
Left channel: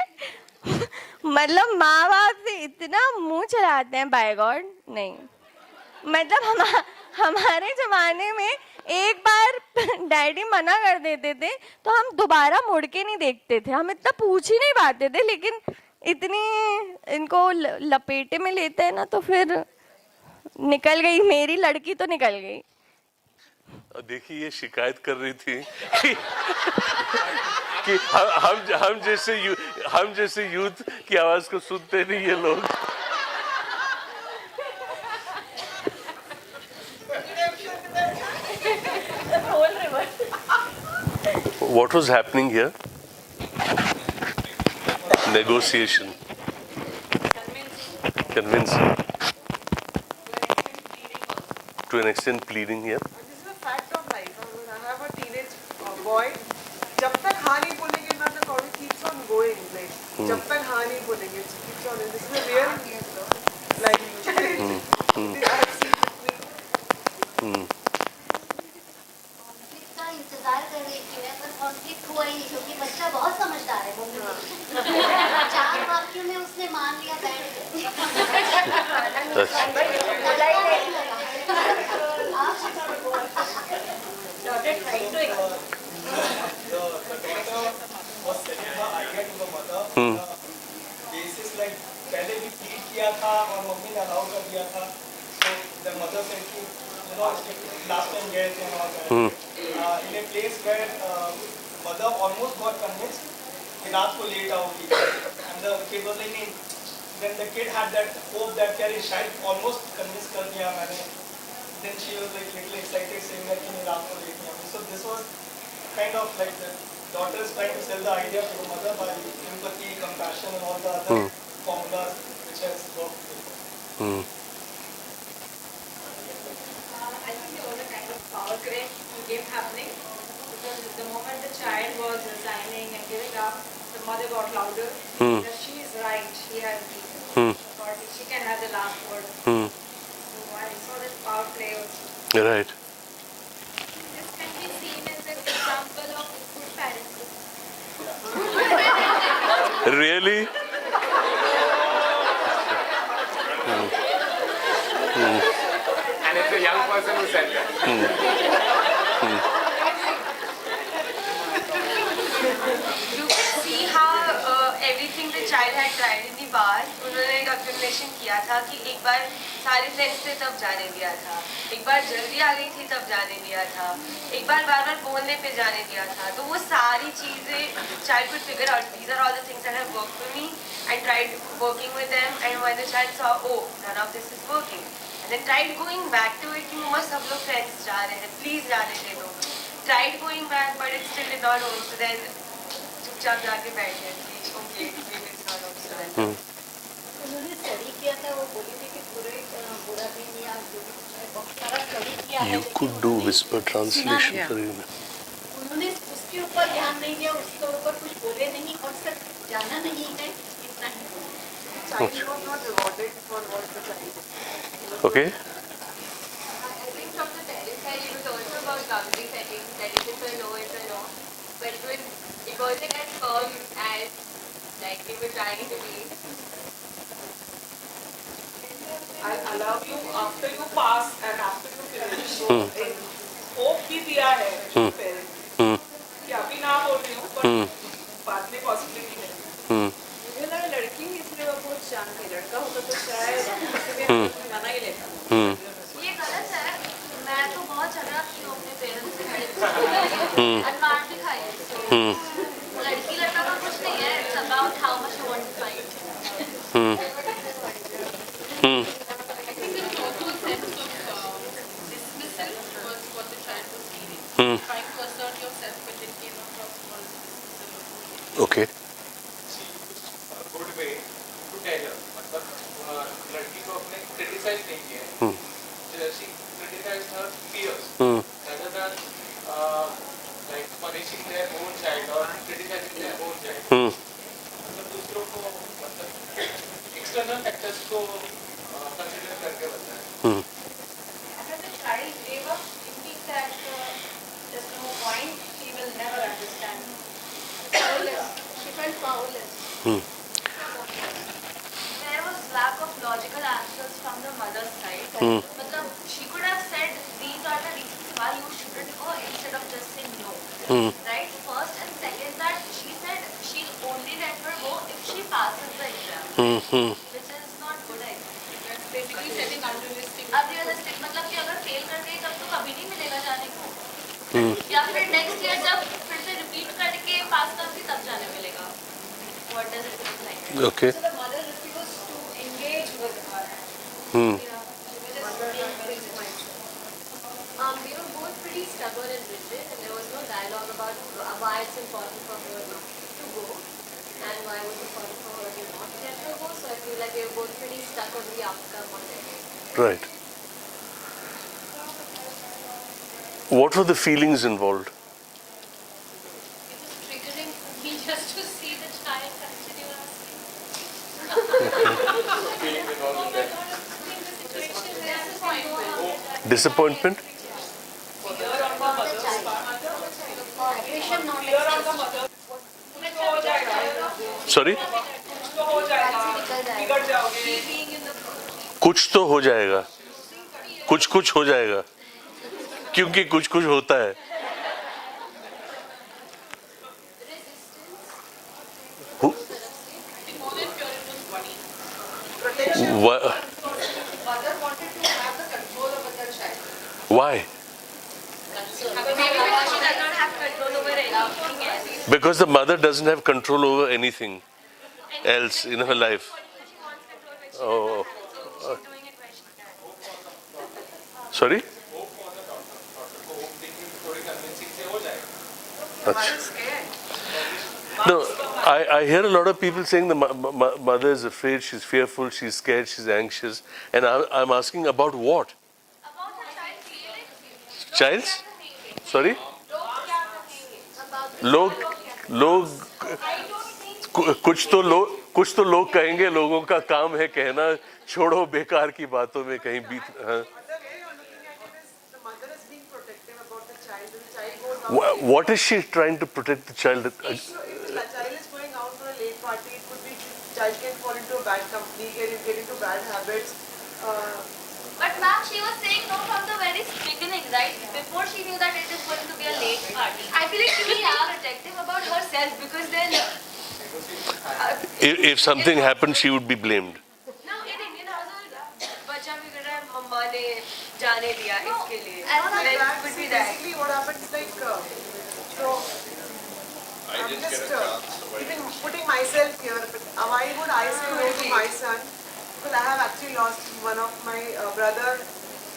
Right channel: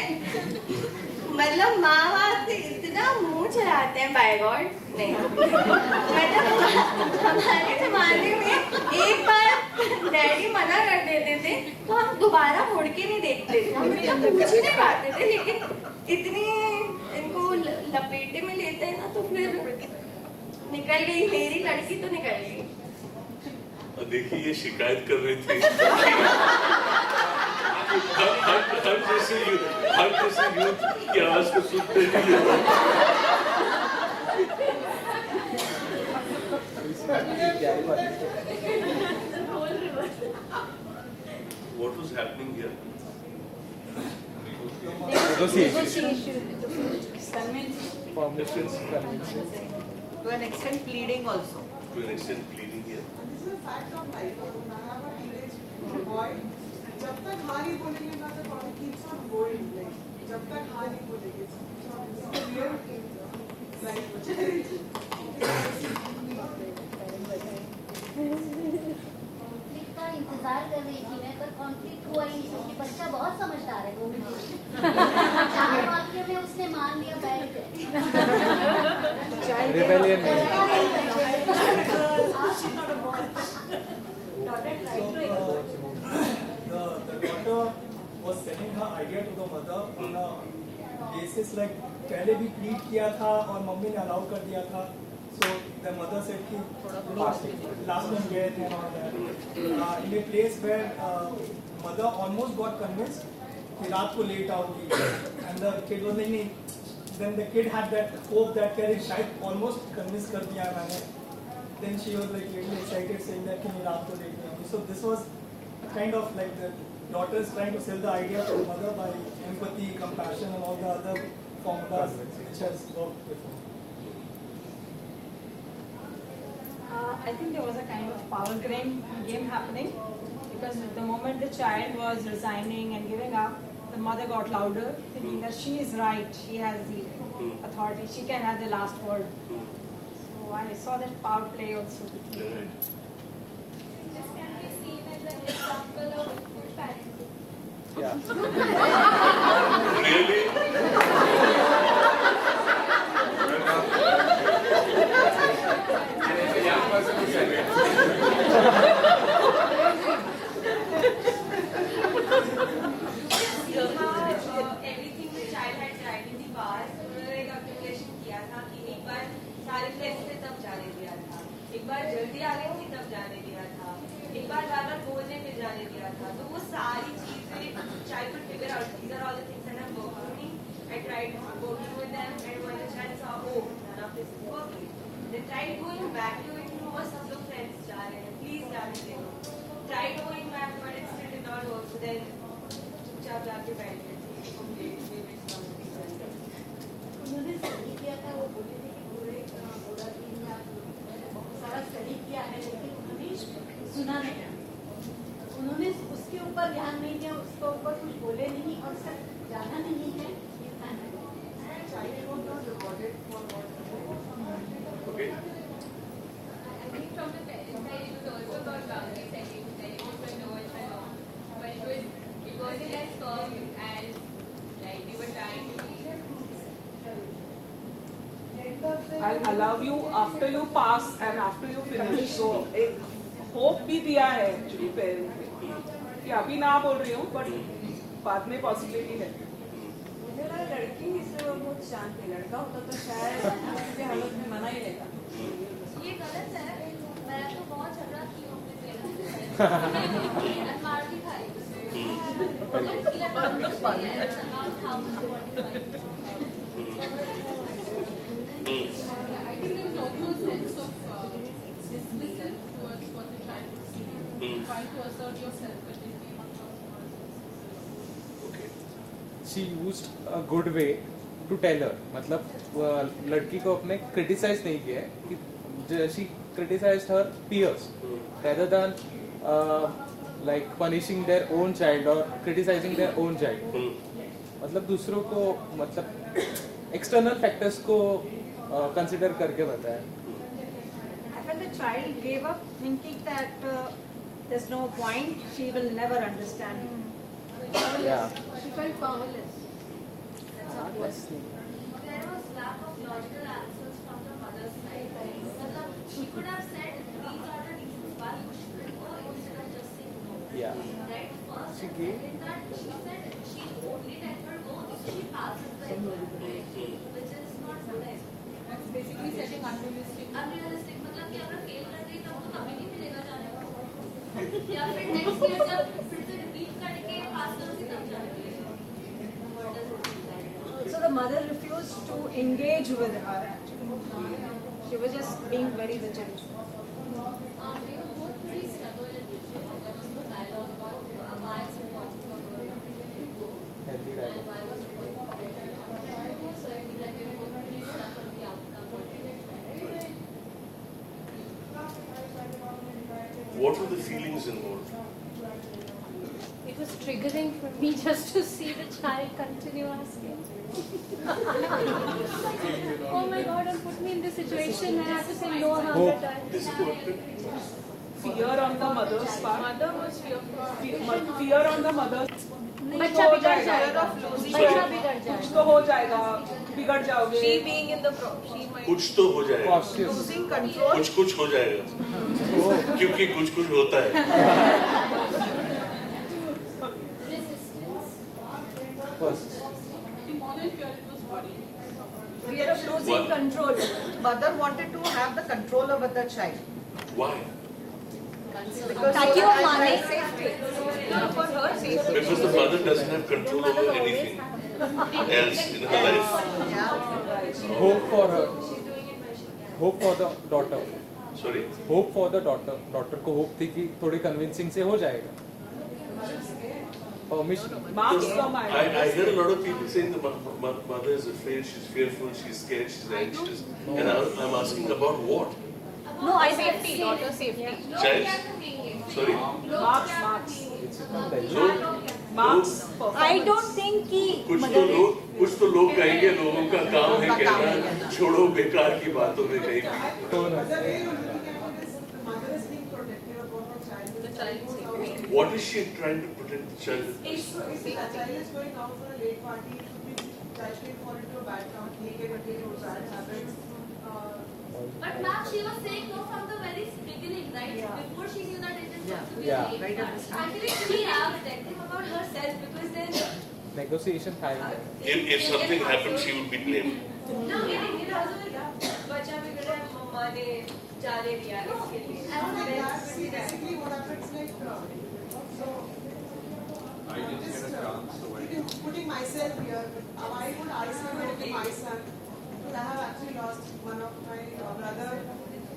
मतलब माँ बाप से इतना मुंह चलाते हैं, बाय गॉड. नहीं, मतलब हमारे जमाने में एक बार डैडी मना कर देते थे तो हम दोबारा मुड़ के नहीं देखते थे. हम इतना पूछ ही नहीं पाते थे. लेकिन इतनी इनको लपेटे में लेते हैं ना, तो फिर निकल गई मेरी लड़की, तो निकल गई. देखिए, ये शिकायत कर रही थी कि हर जैसे यूथ की आवाज को सुनते नहीं ये लोग. What was happening here? Negotiation. Convincing. To an extent pleading here. This is a fact of life. I have a teenage boy. जब तक हाँ नहीं बोलेंगे ना, the thought keeps on going. Like जब तक हाँ नहीं बोलेंगे, it keeps on. This is a real life. इसका इंतजार कर रही थी मैं, पर कॉन्फ्लिक्ट हुआ ही नहीं क्योंकि बच्चा बहुत समझदार है. वो 4 वाक्यों में उसने मान लिया बैठ के. पहले भी प्लीड किया था और मम्मी ने अलाउ कर दिया था. So the mother said कि क्लास में गए थे in a place where mother almost got convinced कि रात को लेट आओगी, and the kid was like, then the kid had that hope that यार शायद almost convince कर दिया मैंने. Then she was like little excited saying that कि मैं रात को लेट नहीं आऊँगी. So this was kind of like the daughter is trying to sell the idea to the mother by empathy, compassion, and all the other formulas which has worked. I think there was a kind of power game happening, because the moment the child was resigning and giving up, the mother got louder. That she is right, she has the authority, she can have the last word. So I saw that power play also. Right. This can be seen as an example of good parenting. Really? And it's a young person who said that. You can see how everything the child had tried in the past. उन्होंने एक accumulation किया था कि एक बार सारे friends थे तब जाने दिया था, एक बार जल्दी आ गई थी तब जाने दिया था, एक बार बार बोलने पे जाने दिया था. तो वो सारी चीज़ें child could figure out. These are all the things that have worked for me. I tried working with them, and when the child saw, oh, none of this is working, and then tried going back to it कि मम्मा सब लोग friends जा रहे हैं, please जाने दे दो. tried going back, but it still did not work. So then, चुपचाप जाके बैठ गए कि okay, maybe it's not okay. उन्होंने स्टडी किया था, वो बोली थी कि पूरा दिन या जो भी कुछ है बहुत सारा स्टडी किया है, You could do whisper translation for you. उन्होंने उसके ऊपर ध्यान नहीं दिया, उसके ऊपर कुछ बोले नहीं और सिर्फ जाना नहीं है, इतना ही। Child was not rewarded for what the child. Okay. I think from the parents' side, it was also about boundary setting, that if it's a no, it's a no. But it wasn't as firm as like they were trying to be. I'll allow you after you pass and after you finish. एक hope भी दिया है parents ने कि अभी ना बोल रही हूँ पर बाद में possibility है. मुझे लगा लड़की इसलिए वो बहुत शांत है, लड़का होता तो शायद मना ही लेता। ये गलत है। मैं तो बहुत झगड़ा की हूँ अपने पेरेंट्स से और मार भी खाई है। लड़की लड़का का कुछ नहीं है। It's about how much you want to fight. I think there was also a sense of dismissal towards what the child was feeling, trying to assert yourself, but it came across. Okay. She used a good way to tell her. मतलब लड़की को अपने criticize नहीं किया. She criticized her peers rather than like punishing their own child or criticizing their own child. मतलब दूसरों को मतलब external factors को consider करके बताया. And the child gave up thinking that there's no point, she will never understand. She felt powerless. There was lack of logical answers from the mother's side. मतलब she could have said these are the reasons why you shouldn't go instead of just saying no. Right? First and second, that she said she'll only let her go if she passes the exam, which is not good. I think. That's basically setting unrealistic. मतलब कि अगर fail कर गई तब तो कभी नहीं मिलेगा जाने को. या फिर next year जब फिर से repeat करके pass करूँगी तब जाने मिलेगा. What does it look like? Okay. So the mother refused to engage with her. She was just being very rigid. We were both pretty stubborn and rigid, and there was no dialogue about why it's important for her not to go and why it was important for her to not let her go. So I feel like we were both pretty stuck on the outcome on it. Right. What were the feelings involved? It was triggering for me just to see the child continue asking. Oh my God, it put me in the situation where I have to say no about it. Disappointment? Fear on the mother's part. Fear on the mother's. बच्चा बिगड़ जाएगा। Sorry? कुछ तो हो जाएगा. बिगड़ जाओगे. Being in the process. कुछ तो हो जाएगा. कुछ हो जाएगा. क्योंकि कुछ होता है. Mother wanted to have the control over the child. Why? Maybe the mother doesn't have control over anything. Because the mother doesn't have control over anything else in her life. Hope for her. Hope for the daughter. Sorry? Hope for the daughter. Daughter को hope थी कि थोड़े convincing से हो जाएगा. No, I hear a lot of people saying the mother is afraid, she's fearful, she's scared, she's anxious. And I'm asking about what? No, I said daughter safety. Child's? Sorry? लोग I don't think कुछ तो लोग कहेंगे, लोगों का काम है कहना छोड़ो बेकार की बातों में कहीं भी. What is she trying to protect the child? If the child is going out for a late party, it could be child can fall into a bad company, get into bad habits. But ma'am, she was saying no from the very beginning, right? Before she knew that it is going to be a late party. I feel like she is protective about herself because then Negotiation happened. If something happened, she would be blamed. no, बच्चा बिगड़ रहा है, मम्मा ने जाने दिया इसके लिए. Basically, what happens like, I'm just even putting myself here. But why would I say no to my son? Because I have actually lost one of my brother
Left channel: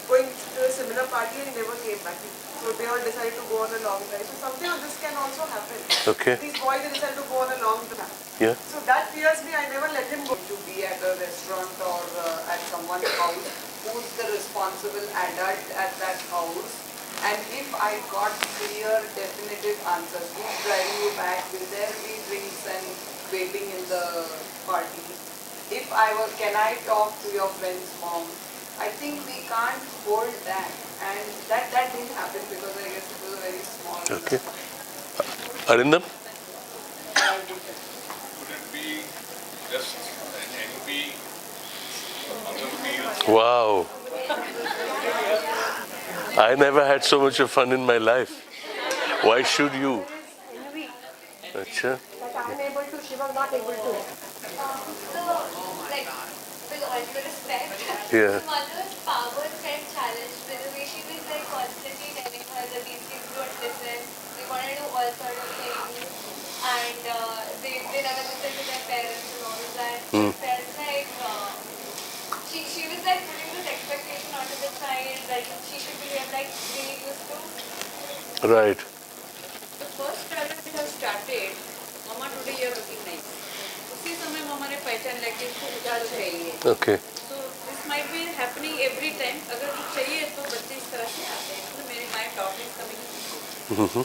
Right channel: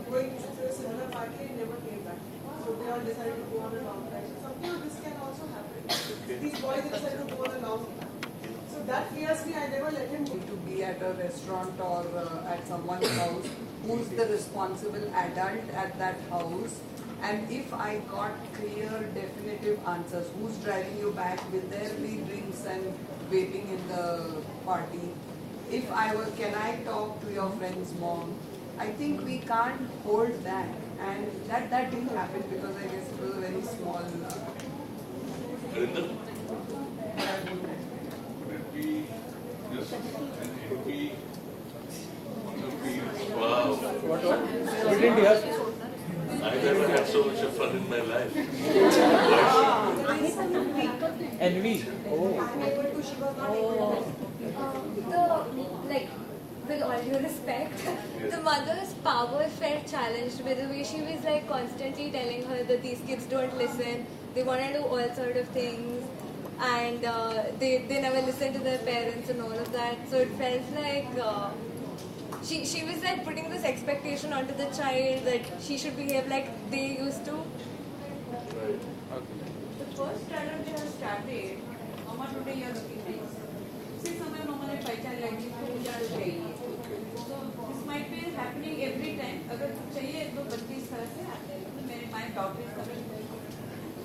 going to a similar party and he never came back. So they all decided to go on a long drive. So something of this can also happen. Okay. These boys decided to go on a long drive. Yeah. So that fears me. I never let him go. To be at a restaurant or at someone's house, who's the responsible adult at that house, and if I got clear, definitive answers, who's driving you back, will there be drinks and waiting in the party? If I were, can I talk to your friend's mom? I think we can't hold that, and that didn't happen because I guess it was a very small. Okay. Arindam? Would it be just an envy on the field? Wow. I never had so much of fun in my life. Why should you? Acha. I'm able to, she was not able to. So, like, with all due respect, Yeah. the mother's power felt challenged by the way she was like constantly telling her that these kids don't listen, they want to do all sort of things, and they never listen to their parents and all of that. So it felt like she was like putting this expectation onto the child that she should behave like they used to. Right. The first dialogue we have started, Mama today you are looking nice. उसी समय मम्मा ने पहचान लगी कि क्या चाहिए. Okay. So this might be happening every time. अगर चाहिए तो बच्चे इस तरह से आते हैं. तो my daughter is coming.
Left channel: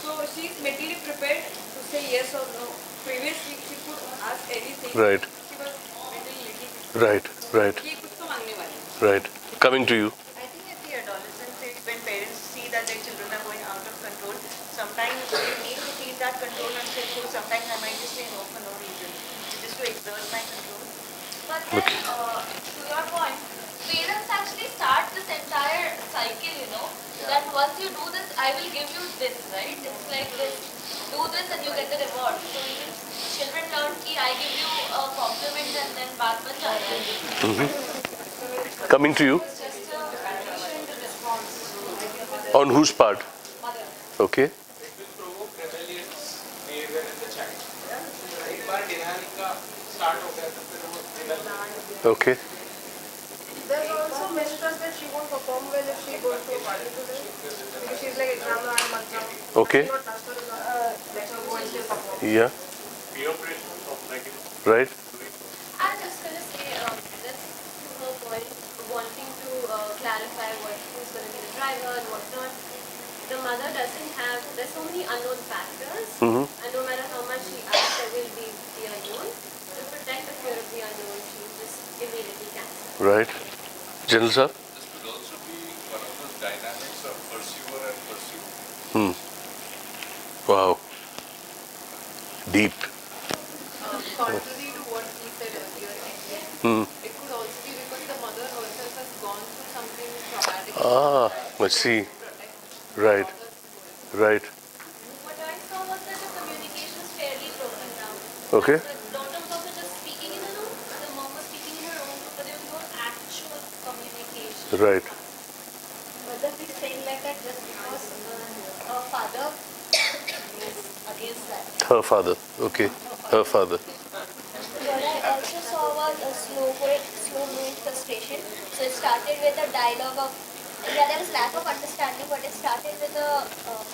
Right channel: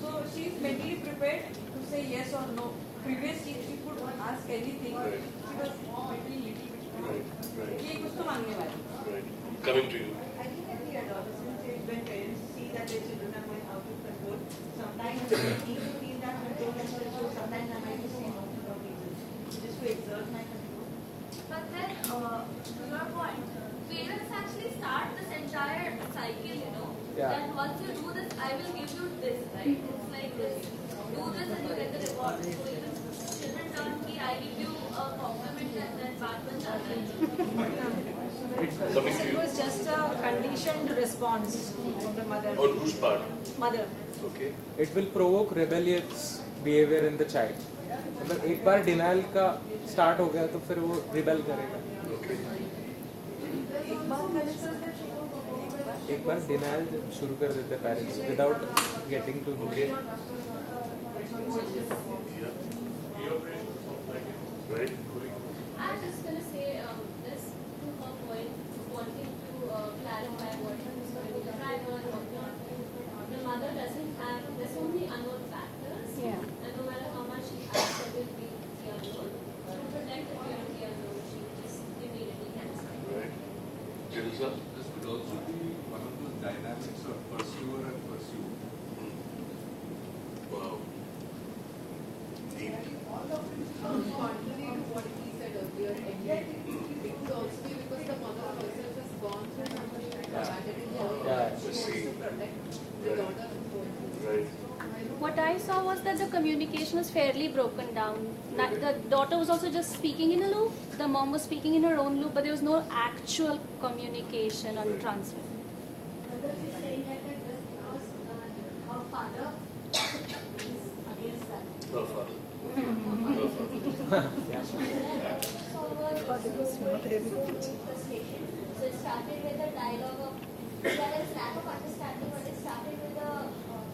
So she is mentally prepared to say yes or no. Previously, she could ask anything. Right. She was mentally little. Right. Right. ये कुछ तो मांगने वाला. Right. Coming to you. I think at the adolescent stage, when parents see that their children are going out of control, sometimes they need to feel that control and say, oh, sometimes I might just say no for no reason, just to exert my control. But then, to your point, parents actually start this entire cycle, you know, that once you do this, I will give you this, right? It's like this, do this and you get the reward. So even children learn कि I give you a compliment and then baat ban jata hai. Coming to you. It was just a conditioned response like your mother. On whose part? Mother. Okay. It will provoke rebellious behavior in the child. एक बार denial का start हो गया तो फिर वो rebel करेगा. Okay. There's also mistrust that she won't perform well if she एक goes bar to denial party. शुरू कर देता है. She's like, without "Exam laan, getting to Okay. not trust her, like her voice still perform." Yeah. Peer pressure of like Right. I'm just going to say this to her point, wanting to clarify what who's going to be the driver, what not. The mother doesn't have, there's so many unknown factors, and no matter how much she asks, there will be the unknown. To protect the fear of the unknown, she just immediately cancels. Right. General sir? this could also be one of those dynamics of pursuer and pursued. Wow. Deep. Contrary to what we said earlier, it could also be because the mother herself has gone through something traumatic. I see. Right. Right. What I saw was that the communication was fairly broken down. Okay. That the daughter was also just speaking in a loop, the mom was speaking in her own loop, but there was no actual communication. Right. Mother is saying like that just because her father is against that. Her father. Okay. Her father. What I also saw was a slow-moving frustration. So it started with a dialogue of, there was lack of understanding, but it started with a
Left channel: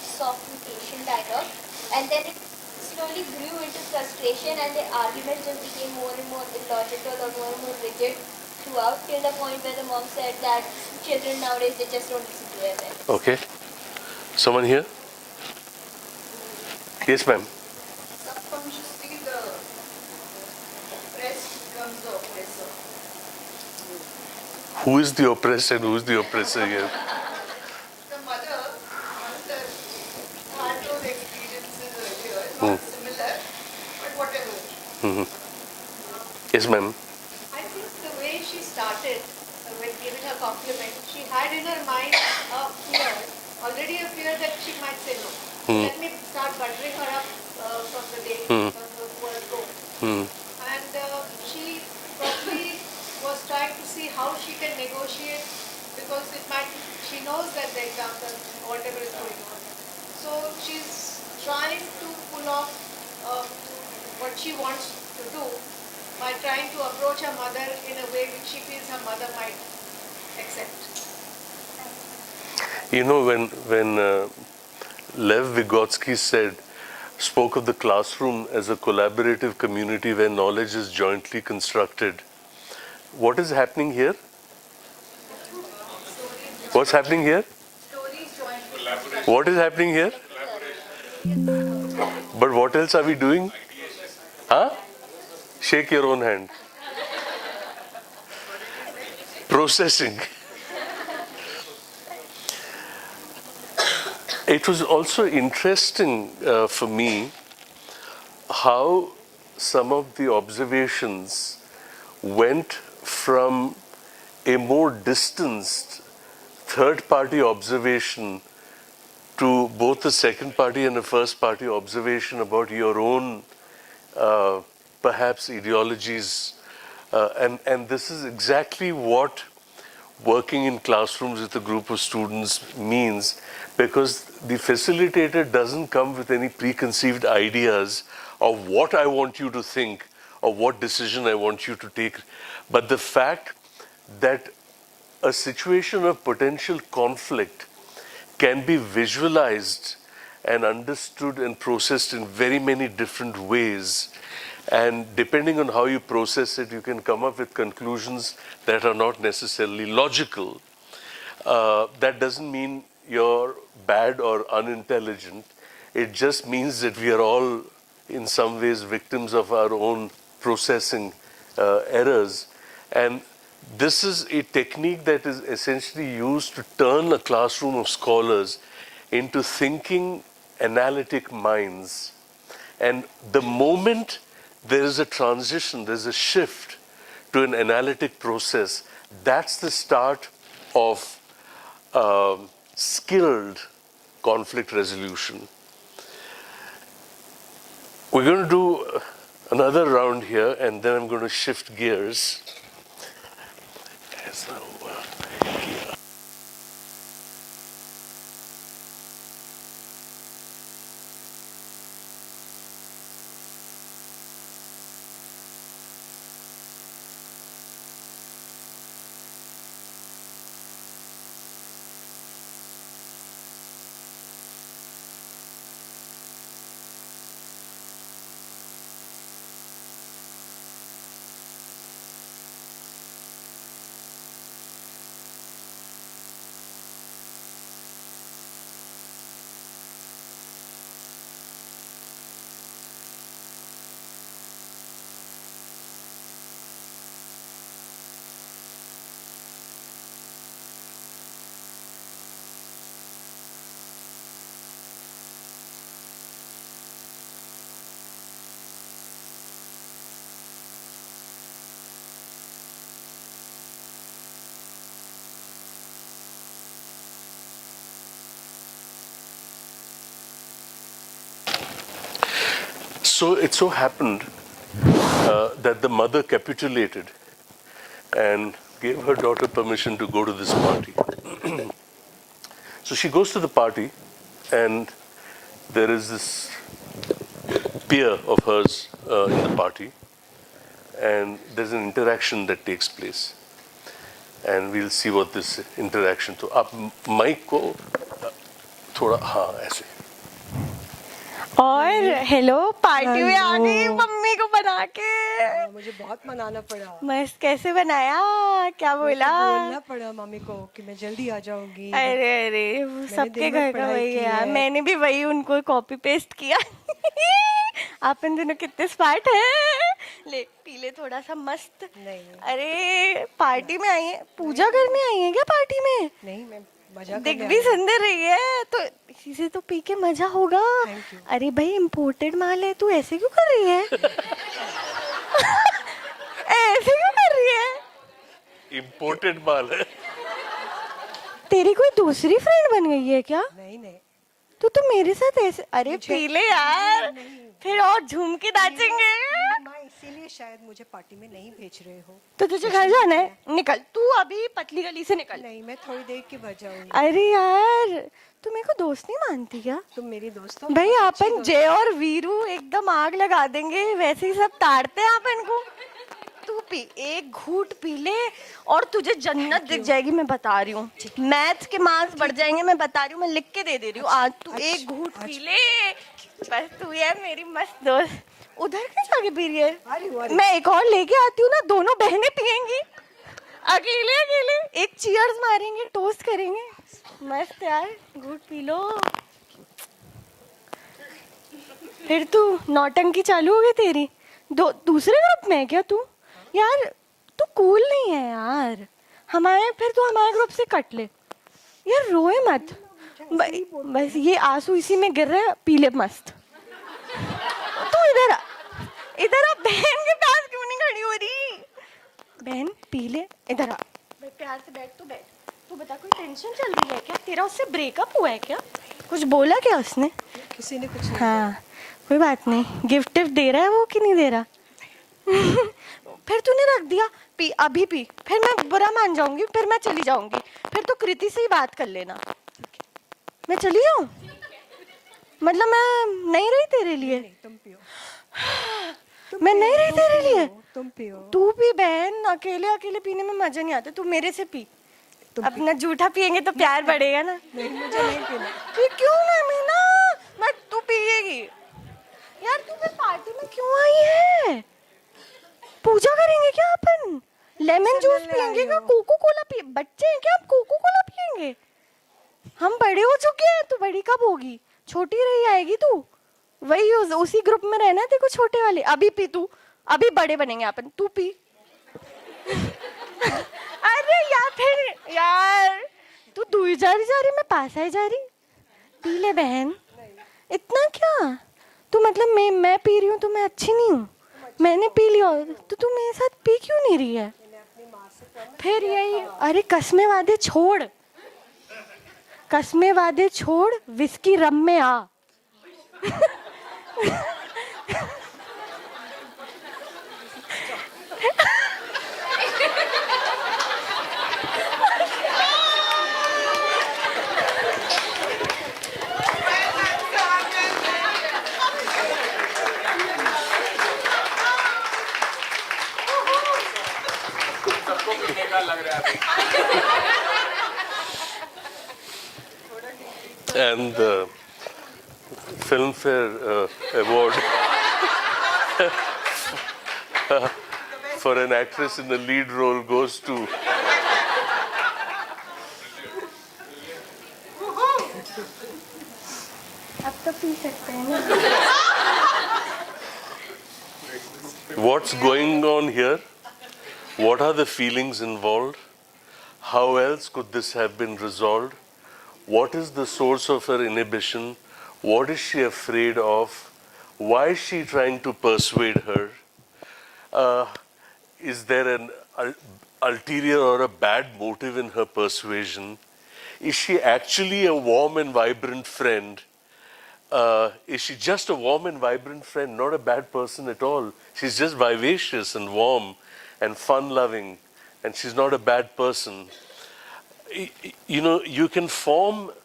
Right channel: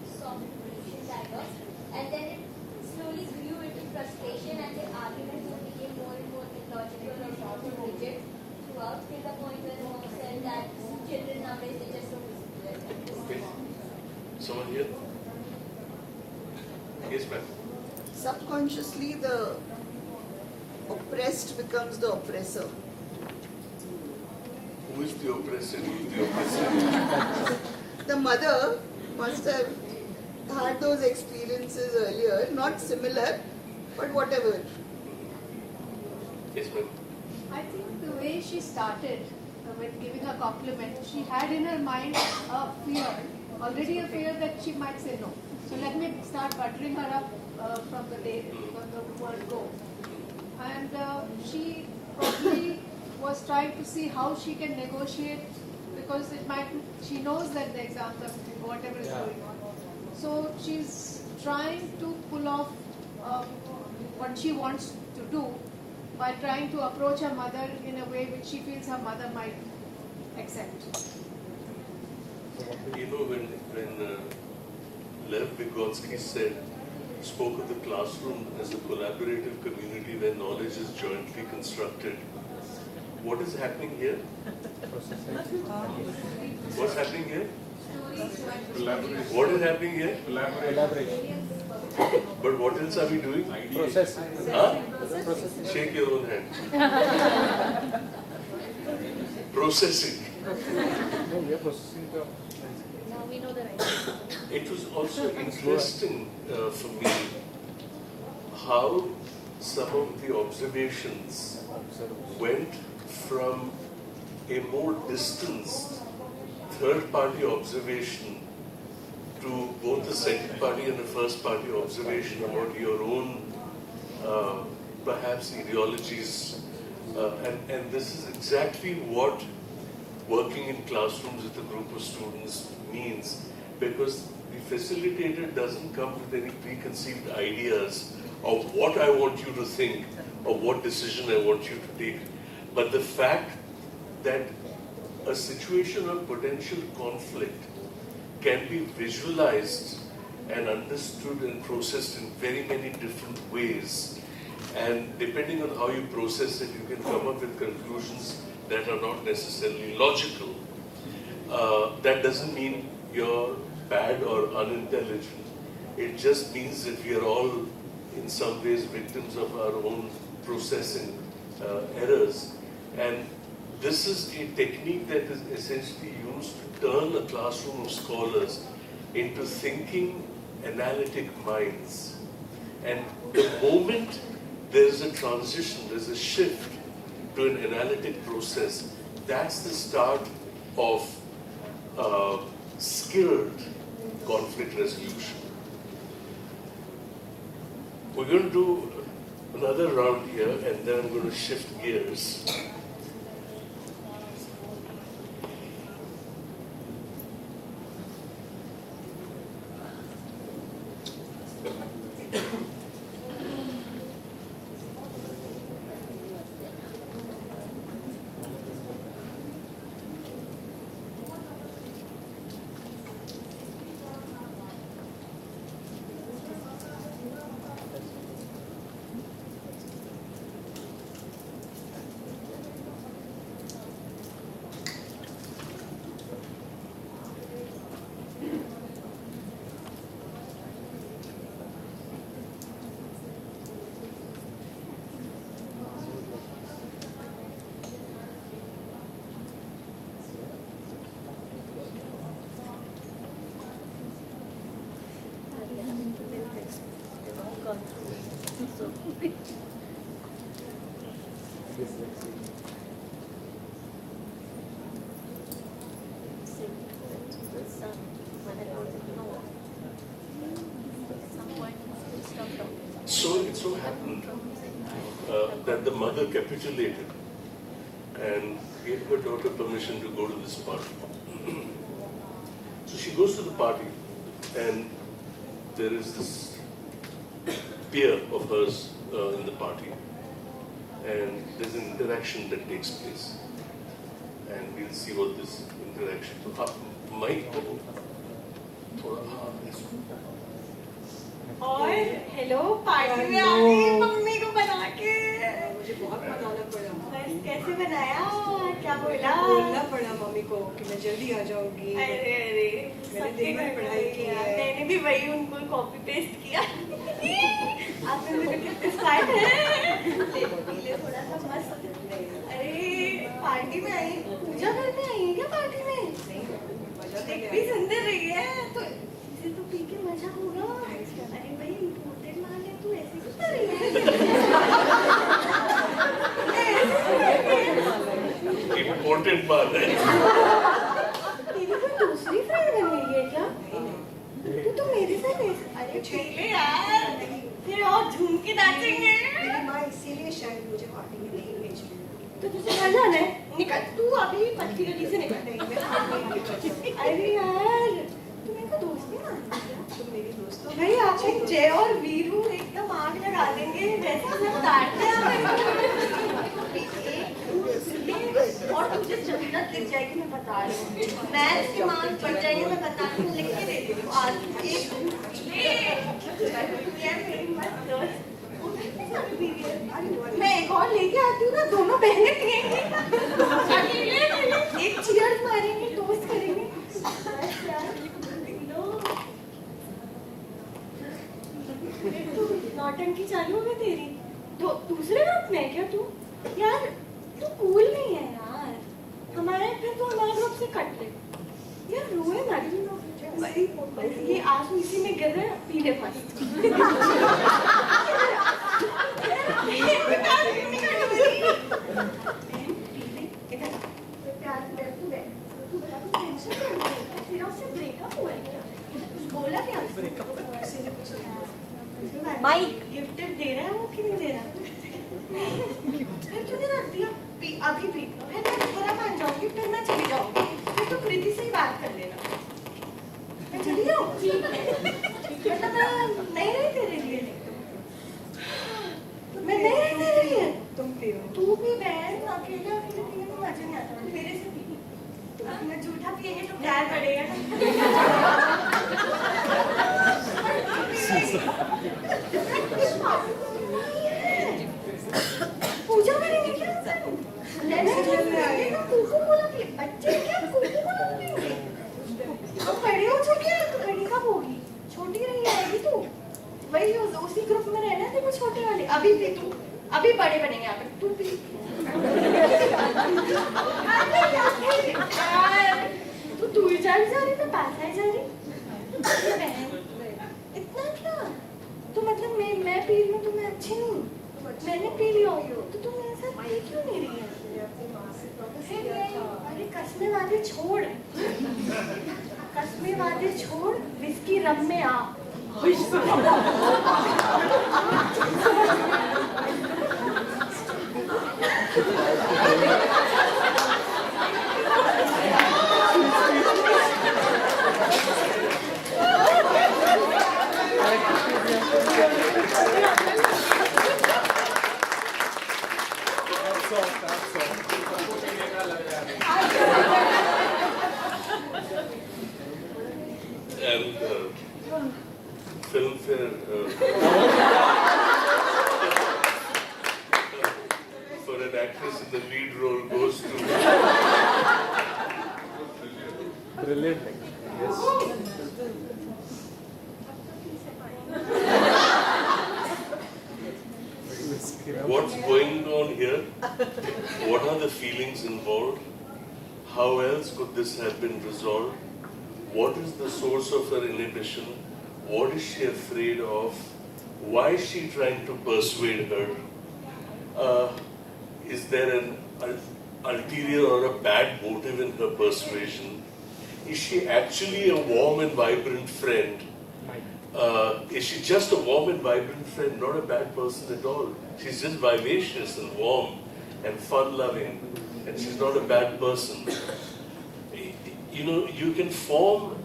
soft patient dialogue, and then it slowly grew into frustration, and the argument just became more and more illogical or more and more rigid throughout, till the point where the mom said that children nowadays, they just don't listen to their parents. Okay. Someone here? Yes, ma'am. Subconsciously, the oppressed becomes the oppressor. Who is the oppressed and who is the oppressor here? The mother must have had those experiences earlier, not similar, but whatever. Yes, ma'am. I think the way she started when giving her compliment, she had in her mind a fear, already a fear that she might say no. Let me start buttering her up from the day when the word go. And she probably was trying to see how she can negotiate, because it might, she knows that the example, whatever is going on. So she's trying to pull off what she wants to do by trying to approach her mother in a way which she feels her mother might accept. You know, when Lev Vygotsky spoke of the classroom as a collaborative community where knowledge is jointly constructed. What is happening here? What's happening here? What is happening here? But what else are we doing? Huh? Shake your own hand. Processing. It was also interesting for me how some of the observations went from a more distanced third-party observation to both a second-party and a first-party observation about your own perhaps ideologies. And this is exactly what working in classrooms with a group of students means, because the facilitator doesn't come with any preconceived ideas of what I want you to think or what decision I want you to take. But the fact that a situation of potential conflict can be visualized and understood and processed in very many different ways. And depending on how you process it, you can come up with conclusions that are not necessarily logical. That doesn't mean you're bad or unintelligent. It just means that we are all in some ways victims of our own processing errors. And this is a technique that is essentially used to turn a classroom of scholars into thinking, analytic minds. And the moment there is a transition, there's a shift to an analytic process, that's the start of skilled conflict resolution. We're going to do another round here, and then I'm going to shift gears. So it so happened that the mother capitulated and gave her daughter permission to go to this party. So she goes to the party, and there is this peer of hers in the party, and there's an interaction that takes place. And we'll see what this interaction. तो आप mic को थोड़ा हाँ ऐसे. और hello party में आ गई mummy को बना के. मुझे बहुत मनाना पड़ा. मस्त कैसे बनाया? क्या बोला? बोलना पड़ा मम्मी को कि मैं जल्दी आ जाऊंगी. अरे अरे सबके घर का वही है यार. मैंने भी वही उनको कॉपी पेस्ट किया. आप इन दिनों कितने स्मार्ट हैं. ले पी ले थोड़ा सा मस्त. अरे पार्टी में आई है, पूजा करने आई है क्या पार्टी में? दिख भी सुंदर रही है तो इसे तो पी के मजा होगा. अरे भाई इम्पोर्टेड माल है, तू ऐसे क्यों कर रही है? ऐसे क्यों कर रही है? इम्पोर्टेड माल है. तेरी कोई दूसरी फ्रेंड बन गई है क्या? तो तू मेरे साथ ऐसे. अरे पी ले यार, फिर और झूम के नाचेंगे. इसीलिए शायद मुझे पार्टी में नहीं भेज रहे. तो तुझे घर जाना है? निकल तू अभी पतली गली से निकल. अरे यार तू मेरे को दोस्त नहीं मानती क्या? तुम मेरी दोस्त हो. भाई अपन जय और वीरू एकदम आग लगा देंगे, वैसे ही सब ताड़ते हैं अपन को. एक घूंट पी ले और तुझे जन्नत दिख जाएगी, मैं बता रही हूँ। मैथ्स के मार्क्स बढ़ जाएंगे, मैं बता रही हूँ, मैं लिख के दे रही हूँ। आज तू एक घूंट पी ले, बस तू है मेरी मस्त दोस्त। उधर पे जाके पी रही है, मैं एक और लेके आती हूँ ना, दोनों बहनें पियेंगी, अकेले अकेले एक चीयर्स मारेंगे, टोस्ट करेंगे, मस्त यार, घूंट पी लो। फिर तू नौटंकी चालू हो गई तेरी, दूसरे ग्रुप में है क्या तू? यार तू कूल नहीं है यार, फिर तू हमारे ग्रुप से कट ले यार, रोए मत, बस ये आंसू इसी में गिर रहे, पी ले मस्त। तो इधर आ बहन, की टांग क्यों नहीं खड़ी हो रही? बहन पी ले, इधर आ, प्यार से बैठ, तू बता, कोई टेंशन चल रही है क्या? तेरा उससे ब्रेकअप हुआ है क्या? कुछ बोला क्या उसने? किसी ने कुछ, हाँ कोई बात नहीं, गिफ्ट दे रहा है वो कि नहीं दे रहा? फिर तूने रख दिया, पी अभी पी, फिर मैं बुरा मान जाऊंगी, फिर मैं चली जाऊंगी, फिर तो कृति से ही बात कर लेना। मैं चली जाऊँ? मतलब मैं नहीं रही तेरे लिए, मैं नहीं रही तेरे लिए। तू भी बहन, अकेले अकेले पीने में मजा नहीं आता, तू मेरे से पी, अपना जूठा पियेंगे तो प्यार बढ़ेगा ना। ये क्यों है ना, तू पिएगी यार, क्यों आई है? पूजा करेंगे क्या अपन? लेमन जूस पियेंगे क्या? कोको कोला पिए? बच्चे हैं क्या, कोको कोला पियेंगे? हम बड़े हो चुके हैं, तो बड़ी कब होगी? छोटी रही आएगी तू, वही उसी ग्रुप में रहना है तेरे को, छोटे वाले। अभी पी तू, अभी बड़े बनेंगे अपन, तू पी। अरे यार तू दूर जा रही, मैं पास आई जा रही। ले बहन, इतना क्या? तू मतलब मैं पी रही हूँ तो मैं अच्छी नहीं हूँ? मैंने पी लिया तो तू मेरे साथ पी क्यों नहीं रही है? फिर यही, अरे कसमें वादे छोड़, कसमें वादे छोड़, विस्की रम में आ। And the Filmfare Award for an actress in the lead role goes to अब तो पी सकते हैं। What's going on here? What are the feelings involved? How else could this have been resolved? What is the source of her inhibition? What is she afraid of? Why is she trying to persuade her? Is there an ulterior or a bad motive in her persuasion? Is she actually a warm and vibrant friend? Is she just a warm and vibrant friend, not a bad person at all? She's just vivacious and warm and fun-loving, and she's not a bad person. You know, you can form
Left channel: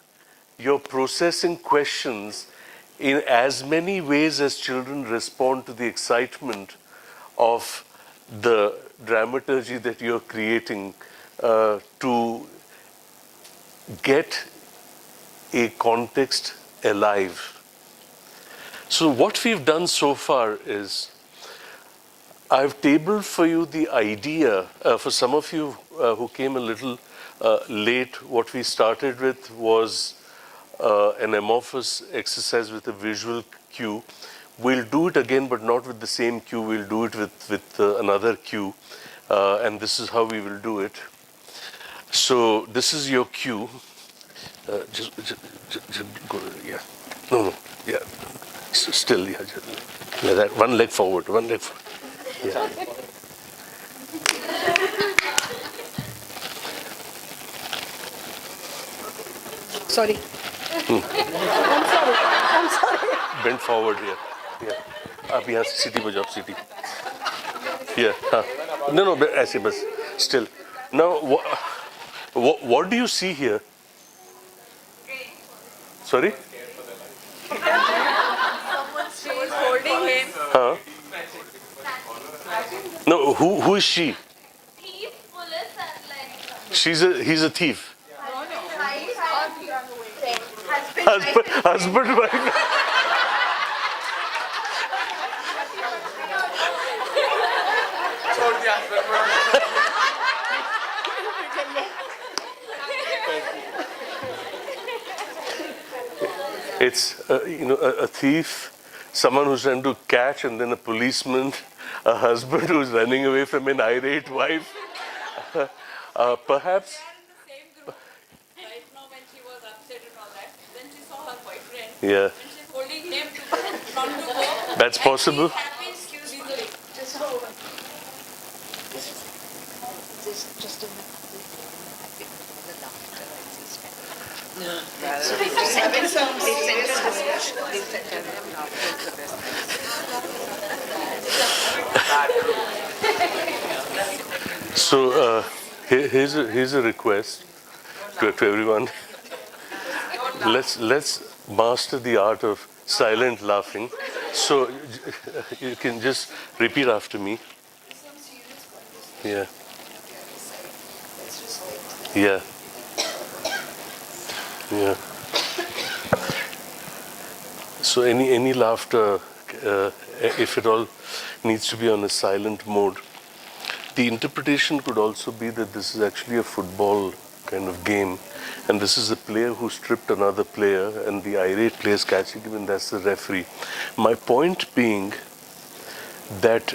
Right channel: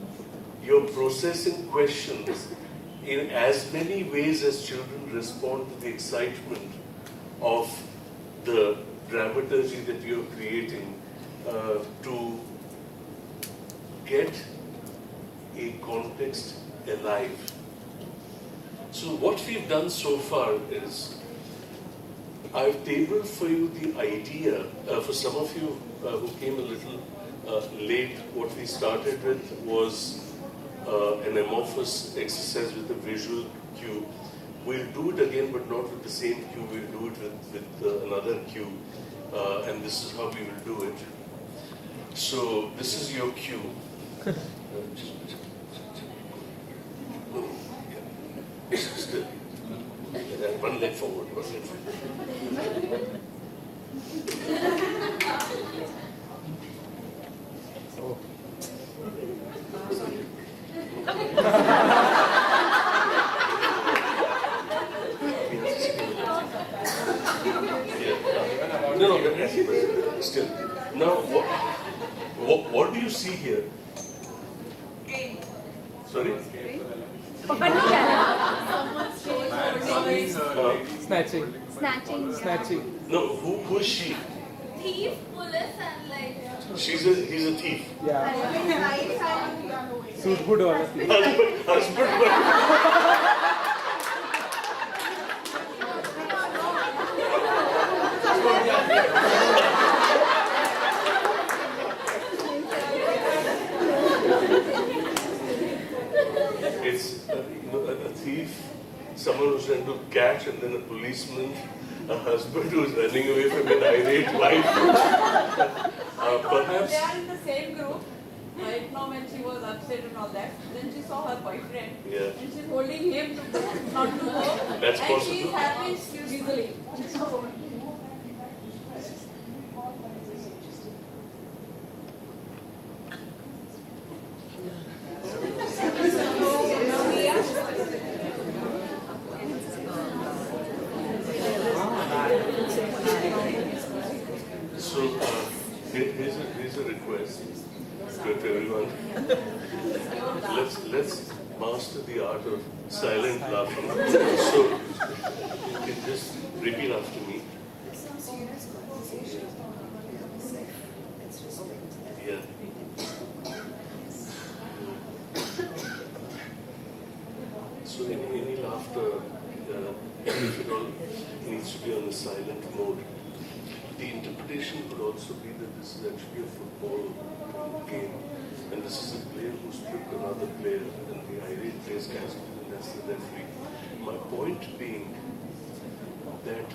your processing questions in as many ways as children respond to the excitement of the dramaturgy that you're creating to get a context alive. So what we've done so far is I've tabled for you the idea, for some of you who came a little late, what we started with was an amorphous exercise with a visual cue. We'll do it again, but not with the same cue. We'll do it with another cue, and this is how we will do it. So this is your cue. Just go, yeah. No, yeah. Still, yeah. Like that. One leg forward, one leg forward. Yeah. Sorry. Bend forward. Yeah. आप यहाँ से सीधी हो जाओ, सीधी. Yeah. हाँ. No, ऐसे बस. Still. Now, what do you see here? Sorry? Holding him. Huh? Snatching. No, who is she? thief, police, and like. He's a thief. Good one. Husband, wife. It's a thief, someone who's trying to catch, and then a policeman, a husband who's running away from an irate wife. Perhaps. They are in the same group. Right now, when she was upset and all that, then she saw her boyfriend. Yeah. And she's holding him to not to go. That's possible. And she happens easily. So, So here's a request to everyone. Let's master the art of silent laughing. So you can just repeat after me. Yeah. Yeah. Yeah. So any laughter, if at all, needs to be on a silent mode. The interpretation could also be that this is actually a football kind of game, and this is a player who stripped another player, and the irate player is catching him, and that's the referee. My point being that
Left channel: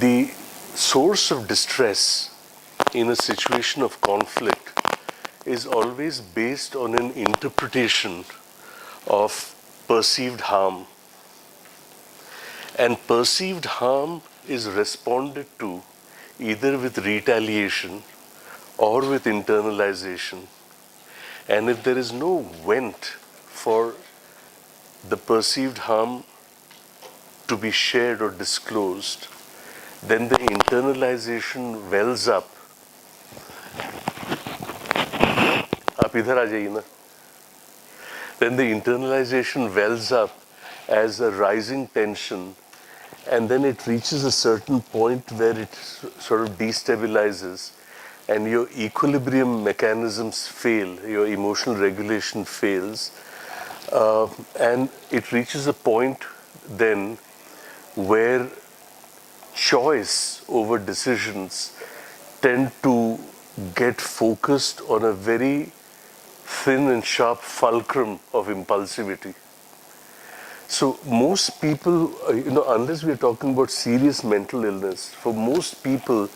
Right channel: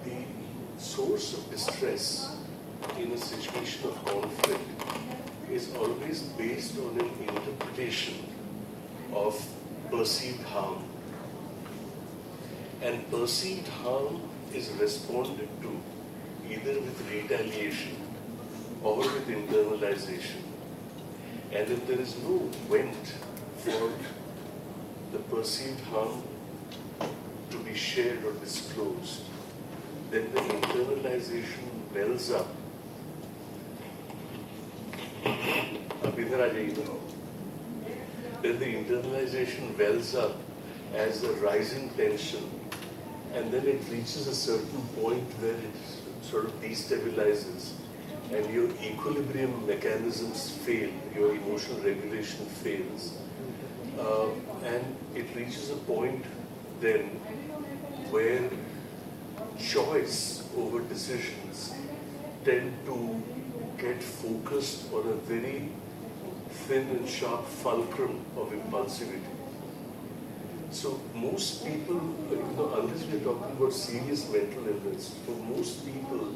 the source of distress in a situation of conflict is always based on an interpretation of perceived harm. And perceived harm is responded to either with retaliation or with internalization. And if there is no vent for the perceived harm to be shared or disclosed, then the internalization wells up. आप इधर आ जाइए ना. Then the internalization wells up as a rising tension, and then it reaches a certain point where it sort of destabilizes, and your equilibrium mechanisms fail, your emotional regulation fails, and it reaches a point then where choice over decisions tend to get focused on a very thin and sharp fulcrum of impulsivity. So most people, unless we're talking about serious mental illness, for most people,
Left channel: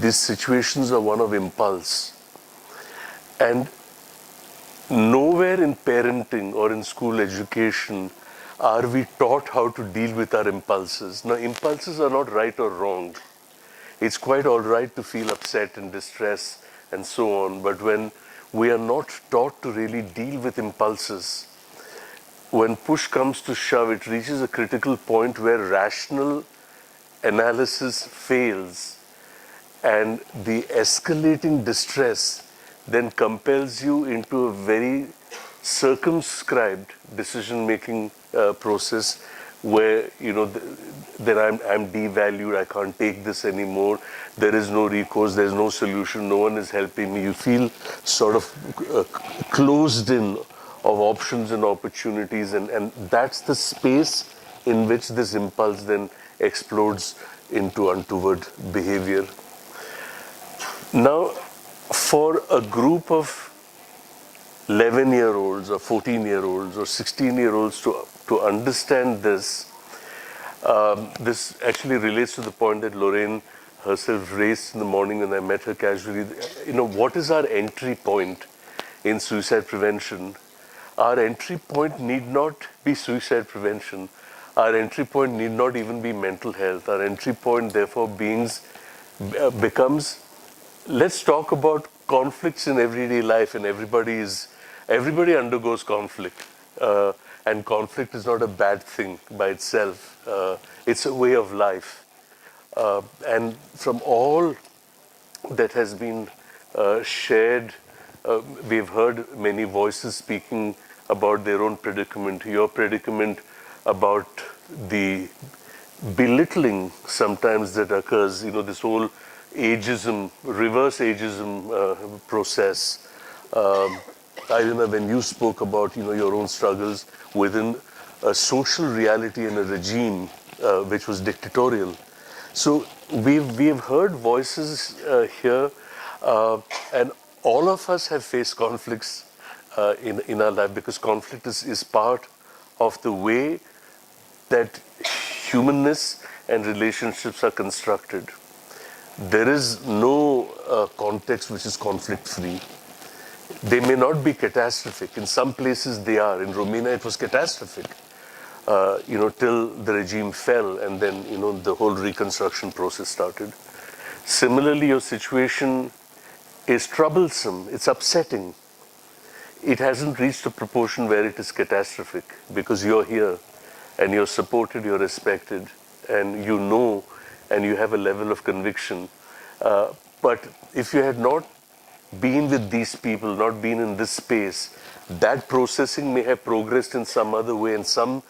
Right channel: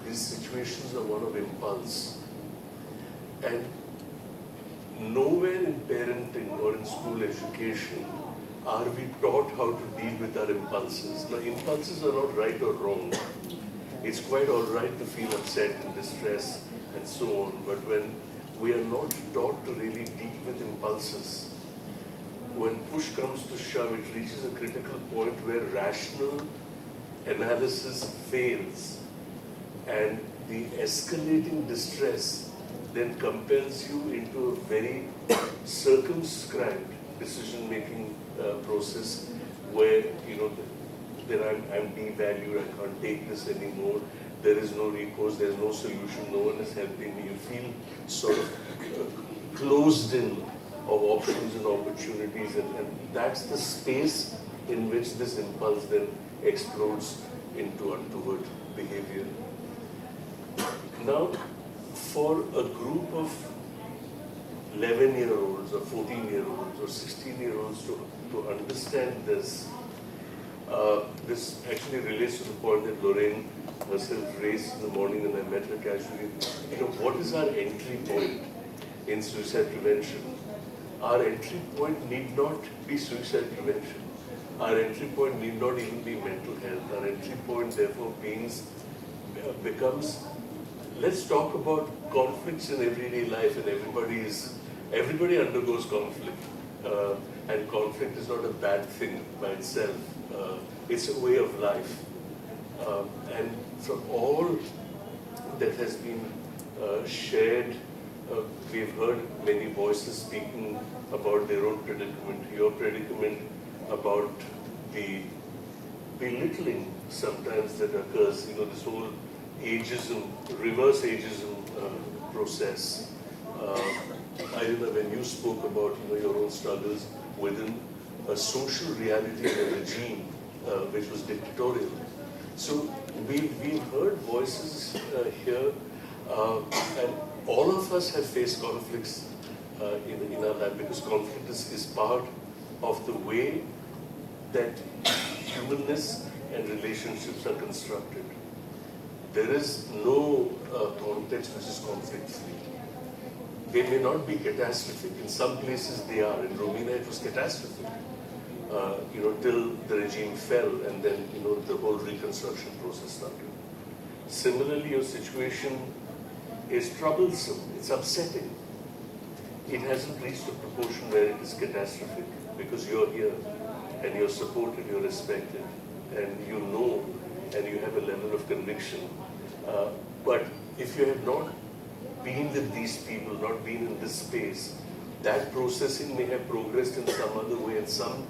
these situations are one of impulse. And nowhere in parenting or in school education are we taught how to deal with our impulses. Now, impulses are not right or wrong. It's quite all right to feel upset and distress and so on, but when we are not taught to really deal with impulses, when push comes to shove, it reaches a critical point where rational analysis fails, and the escalating distress then compels you into a very circumscribed decision-making process where, then I'm devalued, I can't take this anymore, there is no recourse, there's no solution, no one is helping me. You feel sort of closed in of options and opportunities, and that's the space in which this impulse then explodes into untoward behavior. Now, for a group of 11-year-olds or 14-year-olds or 16-year-olds to understand this, this actually relates to the point that Lorraine herself raised in the morning when I met her casually. What is our entry point in suicide prevention? Our entry point need not be suicide prevention. Our entry point need not even be mental health. Our entry point, therefore, becomes, let's talk about conflicts in everyday life, and everybody undergoes conflict. And conflict is not a bad thing by itself. It's a way of life. And from all that has been shared, we've heard many voices speaking about their own predicament, your predicament about the belittling sometimes that occurs, this whole ageism, reverse ageism process. I remember when you spoke about, your own struggles within a social reality and a regime which was dictatorial. So we've heard voices here, and all of us have faced conflicts in our life, because conflict is part of the way that humanness and relationships are constructed. There is no context which is conflict-free. They may not be catastrophic. In some places they are. In Romania it was catastrophic, till the regime fell, and then, the whole reconstruction process started. Similarly, your situation is troublesome. It's upsetting. It hasn't reached a proportion where it is catastrophic, because you're here and you're supported, you're respected, and and you have a level of conviction. But if you had not been with these people, not been in this space, that processing may have progressed in some other way, and some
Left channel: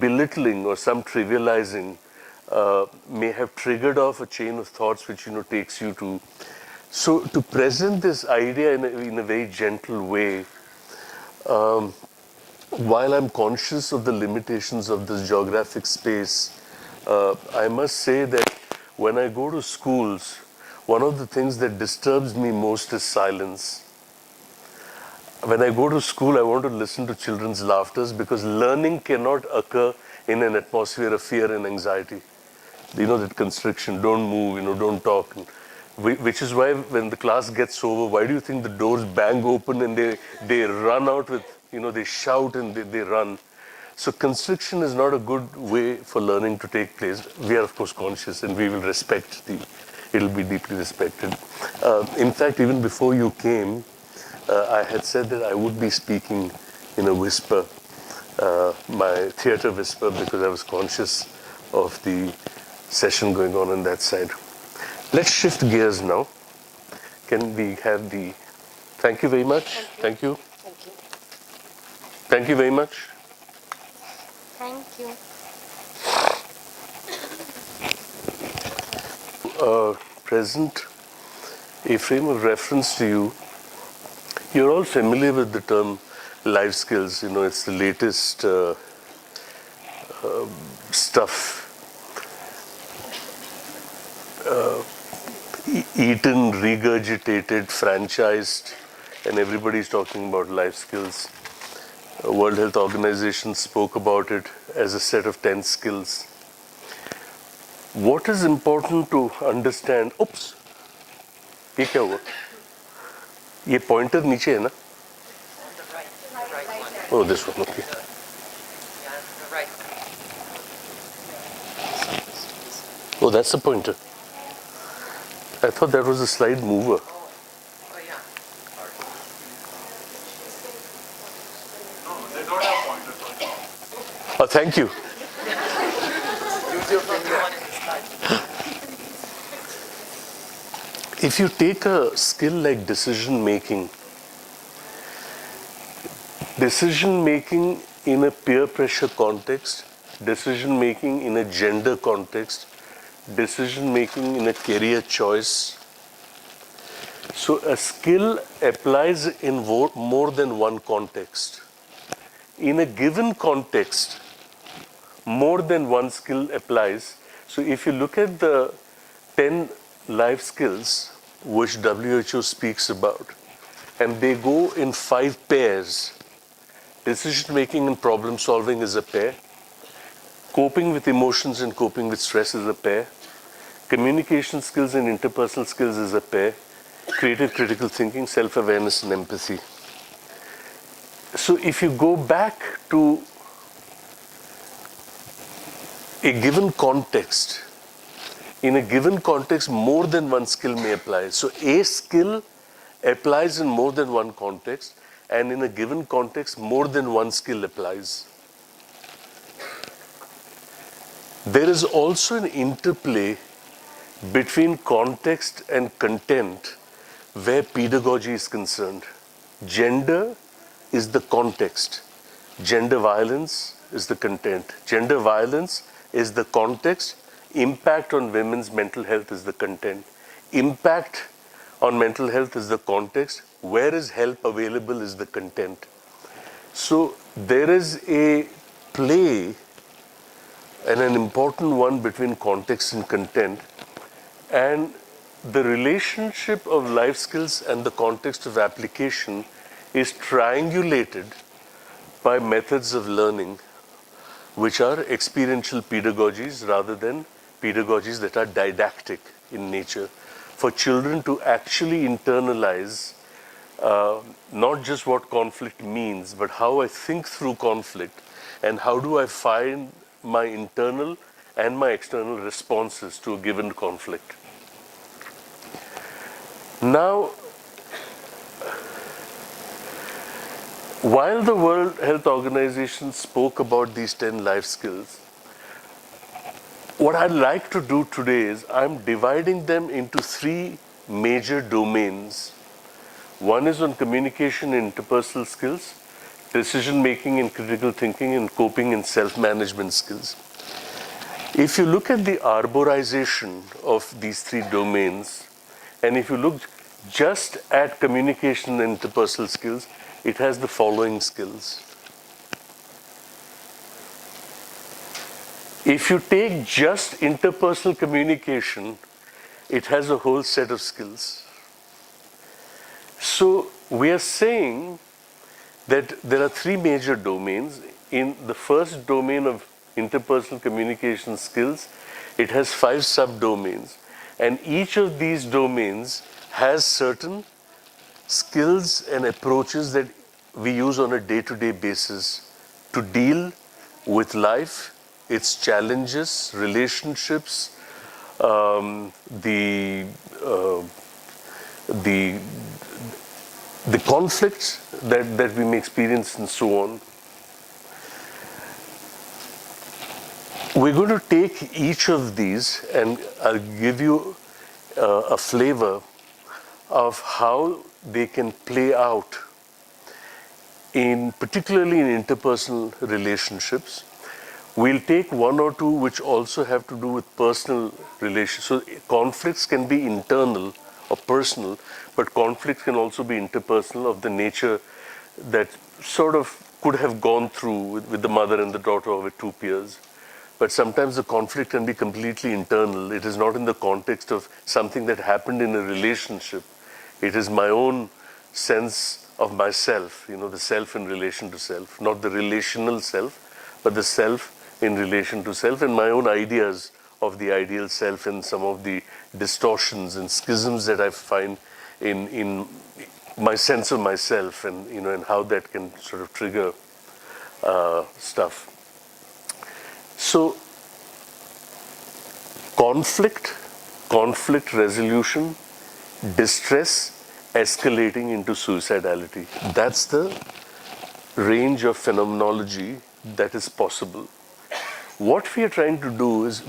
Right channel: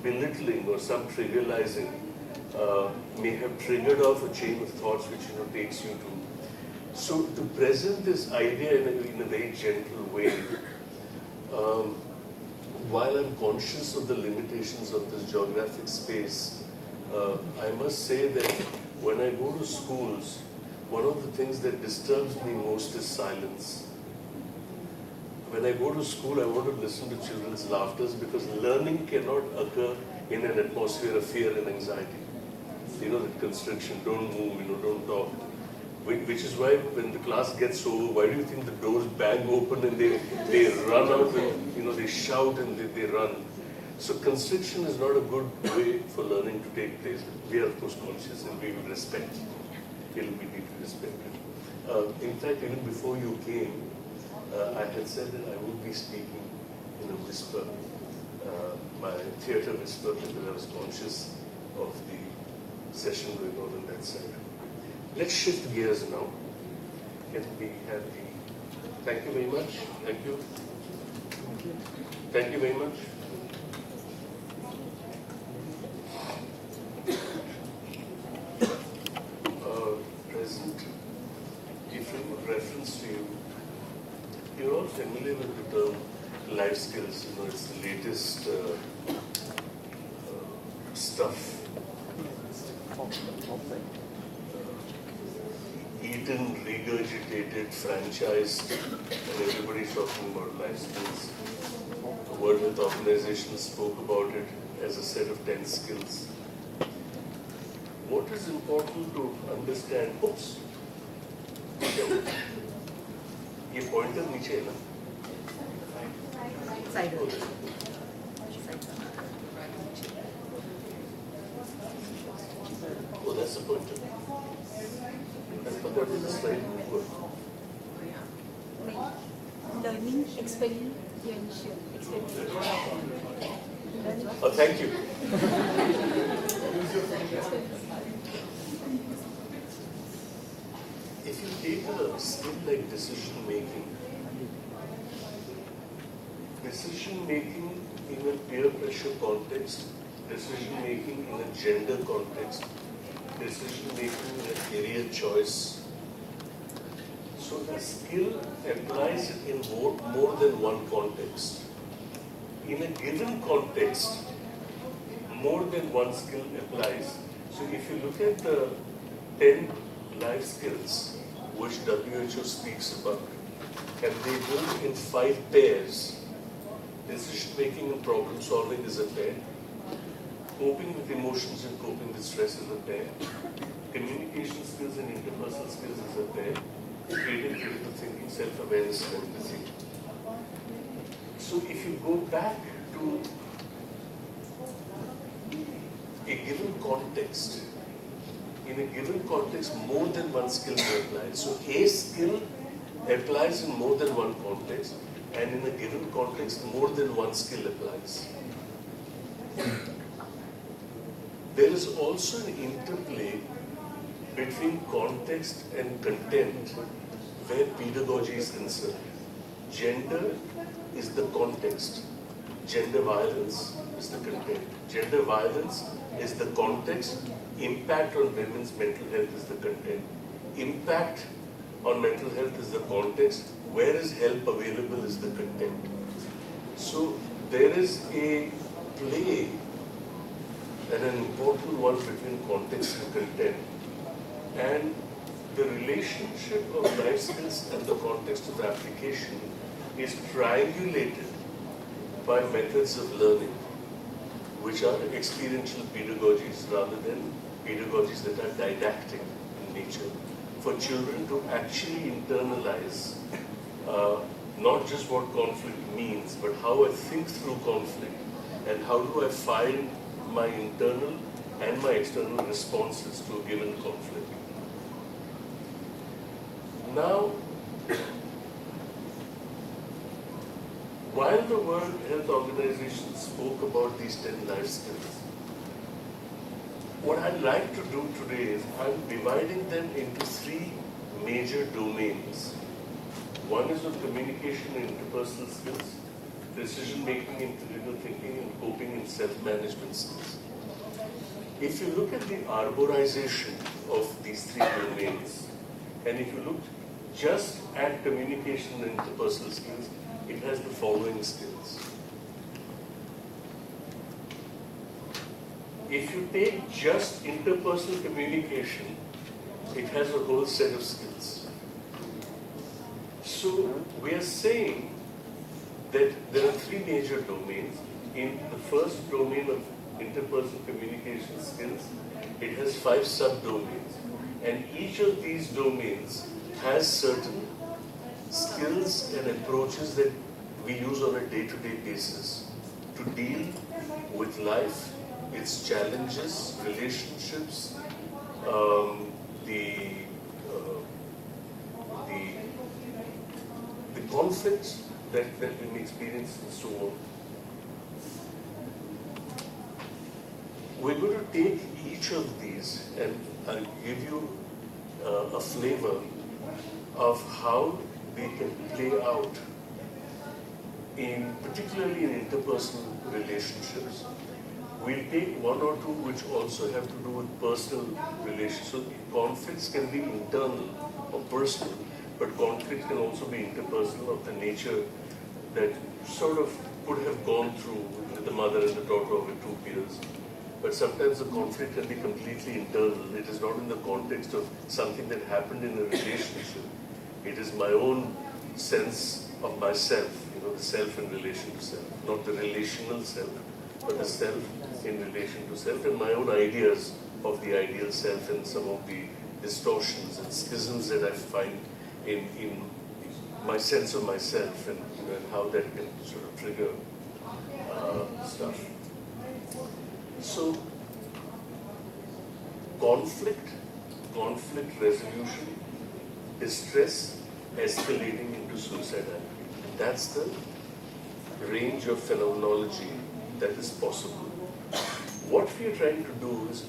belittling or some trivializing may have triggered off a chain of thoughts which, takes you to. So to present this idea in a very gentle way, while I'm conscious of the limitations of this geographic space, I must say that when I go to schools, one of the things that disturbs me most is silence. When I go to school, I want to listen to children's laughters, because learning cannot occur in an atmosphere of fear and anxiety. That constriction, don't move, don't talk. Which is why when the class gets over, why do you think the doors bang open and they run out with, they shout and they run. So constriction is not a good way for learning to take place. We are of course conscious, and we will respect it'll be deeply respected. In fact, even before you came, I had said that I would be speaking in a whisper, my theater whisper, because I was conscious of the session going on that side. Let's shift gears now. Can we have the... Thank you very much. Thank you. Thank you very much. Thank you. Present a frame of reference to you. You're all familiar with the term life skills. It's the latest stuff. Eaten, regurgitated, franchised, and everybody's talking about life skills. World Health Organization spoke about it as a set of 10 skills. What is important to understand? Oops, ये क्या हुआ? ये pointer नीचे है ना? Oh, this one, okay. Oh, that's the pointer. I thought that was a slide mover. Oh, thank you. If you take a skill like decision making in a peer pressure context, decision making in a gender context, decision making in a career choice. So a skill applies in more than one context. In a given context, more than one skill applies. So if you look at the 10 life skills which WHO speaks about, and they go in 5 pairs. Decision making and problem solving is a pair. Coping with emotions and coping with stress is a pair. Communication skills and interpersonal skills is a pair. Creative critical thinking, self-awareness and empathy. So if you go back to a given context, in a given context, more than one skill may apply. So a skill applies in more than one context, and in a given context, more than one skill applies. There is also an interplay between context and content where pedagogy is concerned. Gender is the context. Gender violence is the content. Gender violence is the context. Impact on women's mental health is the content. Impact on mental health is the context. Where is help available is the content. So there is a play, and an important one, between context and content, and the relationship of life skills and the context of application is triangulated by methods of learning which are experiential pedagogies rather than pedagogies that are didactic in nature, for children to actually internalize not just what conflict means, but how I think through conflict and how do I find my internal and my external responses to a given conflict. Now, while the World Health Organization spoke about these 10 life skills, what I'd like to do today is I'm dividing them into 3 major domains. One is on communication and interpersonal skills, decision making and critical thinking, and coping and self-management skills. If you look at the arborization of these 3 domains, and if you look just at communication and interpersonal skills, it has the following skills. If you take just interpersonal communication, it has a whole set of skills. So we are saying that there are 3 major domains. In the first domain of interpersonal communication skills, it has 5 subdomains. And each of these domains has certain skills and approaches that we use on a day-to-day basis to deal with life, its challenges, relationships, the conflicts that we may experience, and so on. We're going to take each of these and I'll give you a flavor of how they can play out particularly in interpersonal relationships. We'll take 1 or 2 which also have to do with personal relations. So conflicts can be internal or personal, but conflicts can also be interpersonal, of the nature that sort of could have gone through with the mother and the daughter, or with 2 peers. But sometimes the conflict can be completely internal. It is not in the context of something that happened in a relationship. It is my own sense of myself, the self in relation to self, not the relational self, but the self in relation to self, and my own ideas of the ideal self, and some of the distortions and schisms that I find in my sense of myself, and and how that can sort of trigger stuff. So conflict resolution, distress escalating into suicidality. That's the range of phenomenology that is possible. What we are trying to do is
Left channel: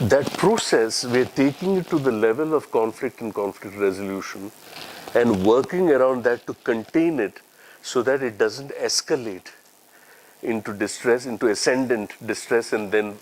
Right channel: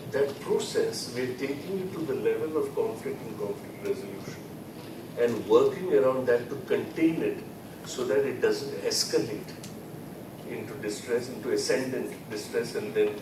that process, we are taking it to the level of conflict and conflict resolution and working around that to contain it so that it doesn't escalate into distress, into ascendant distress, and then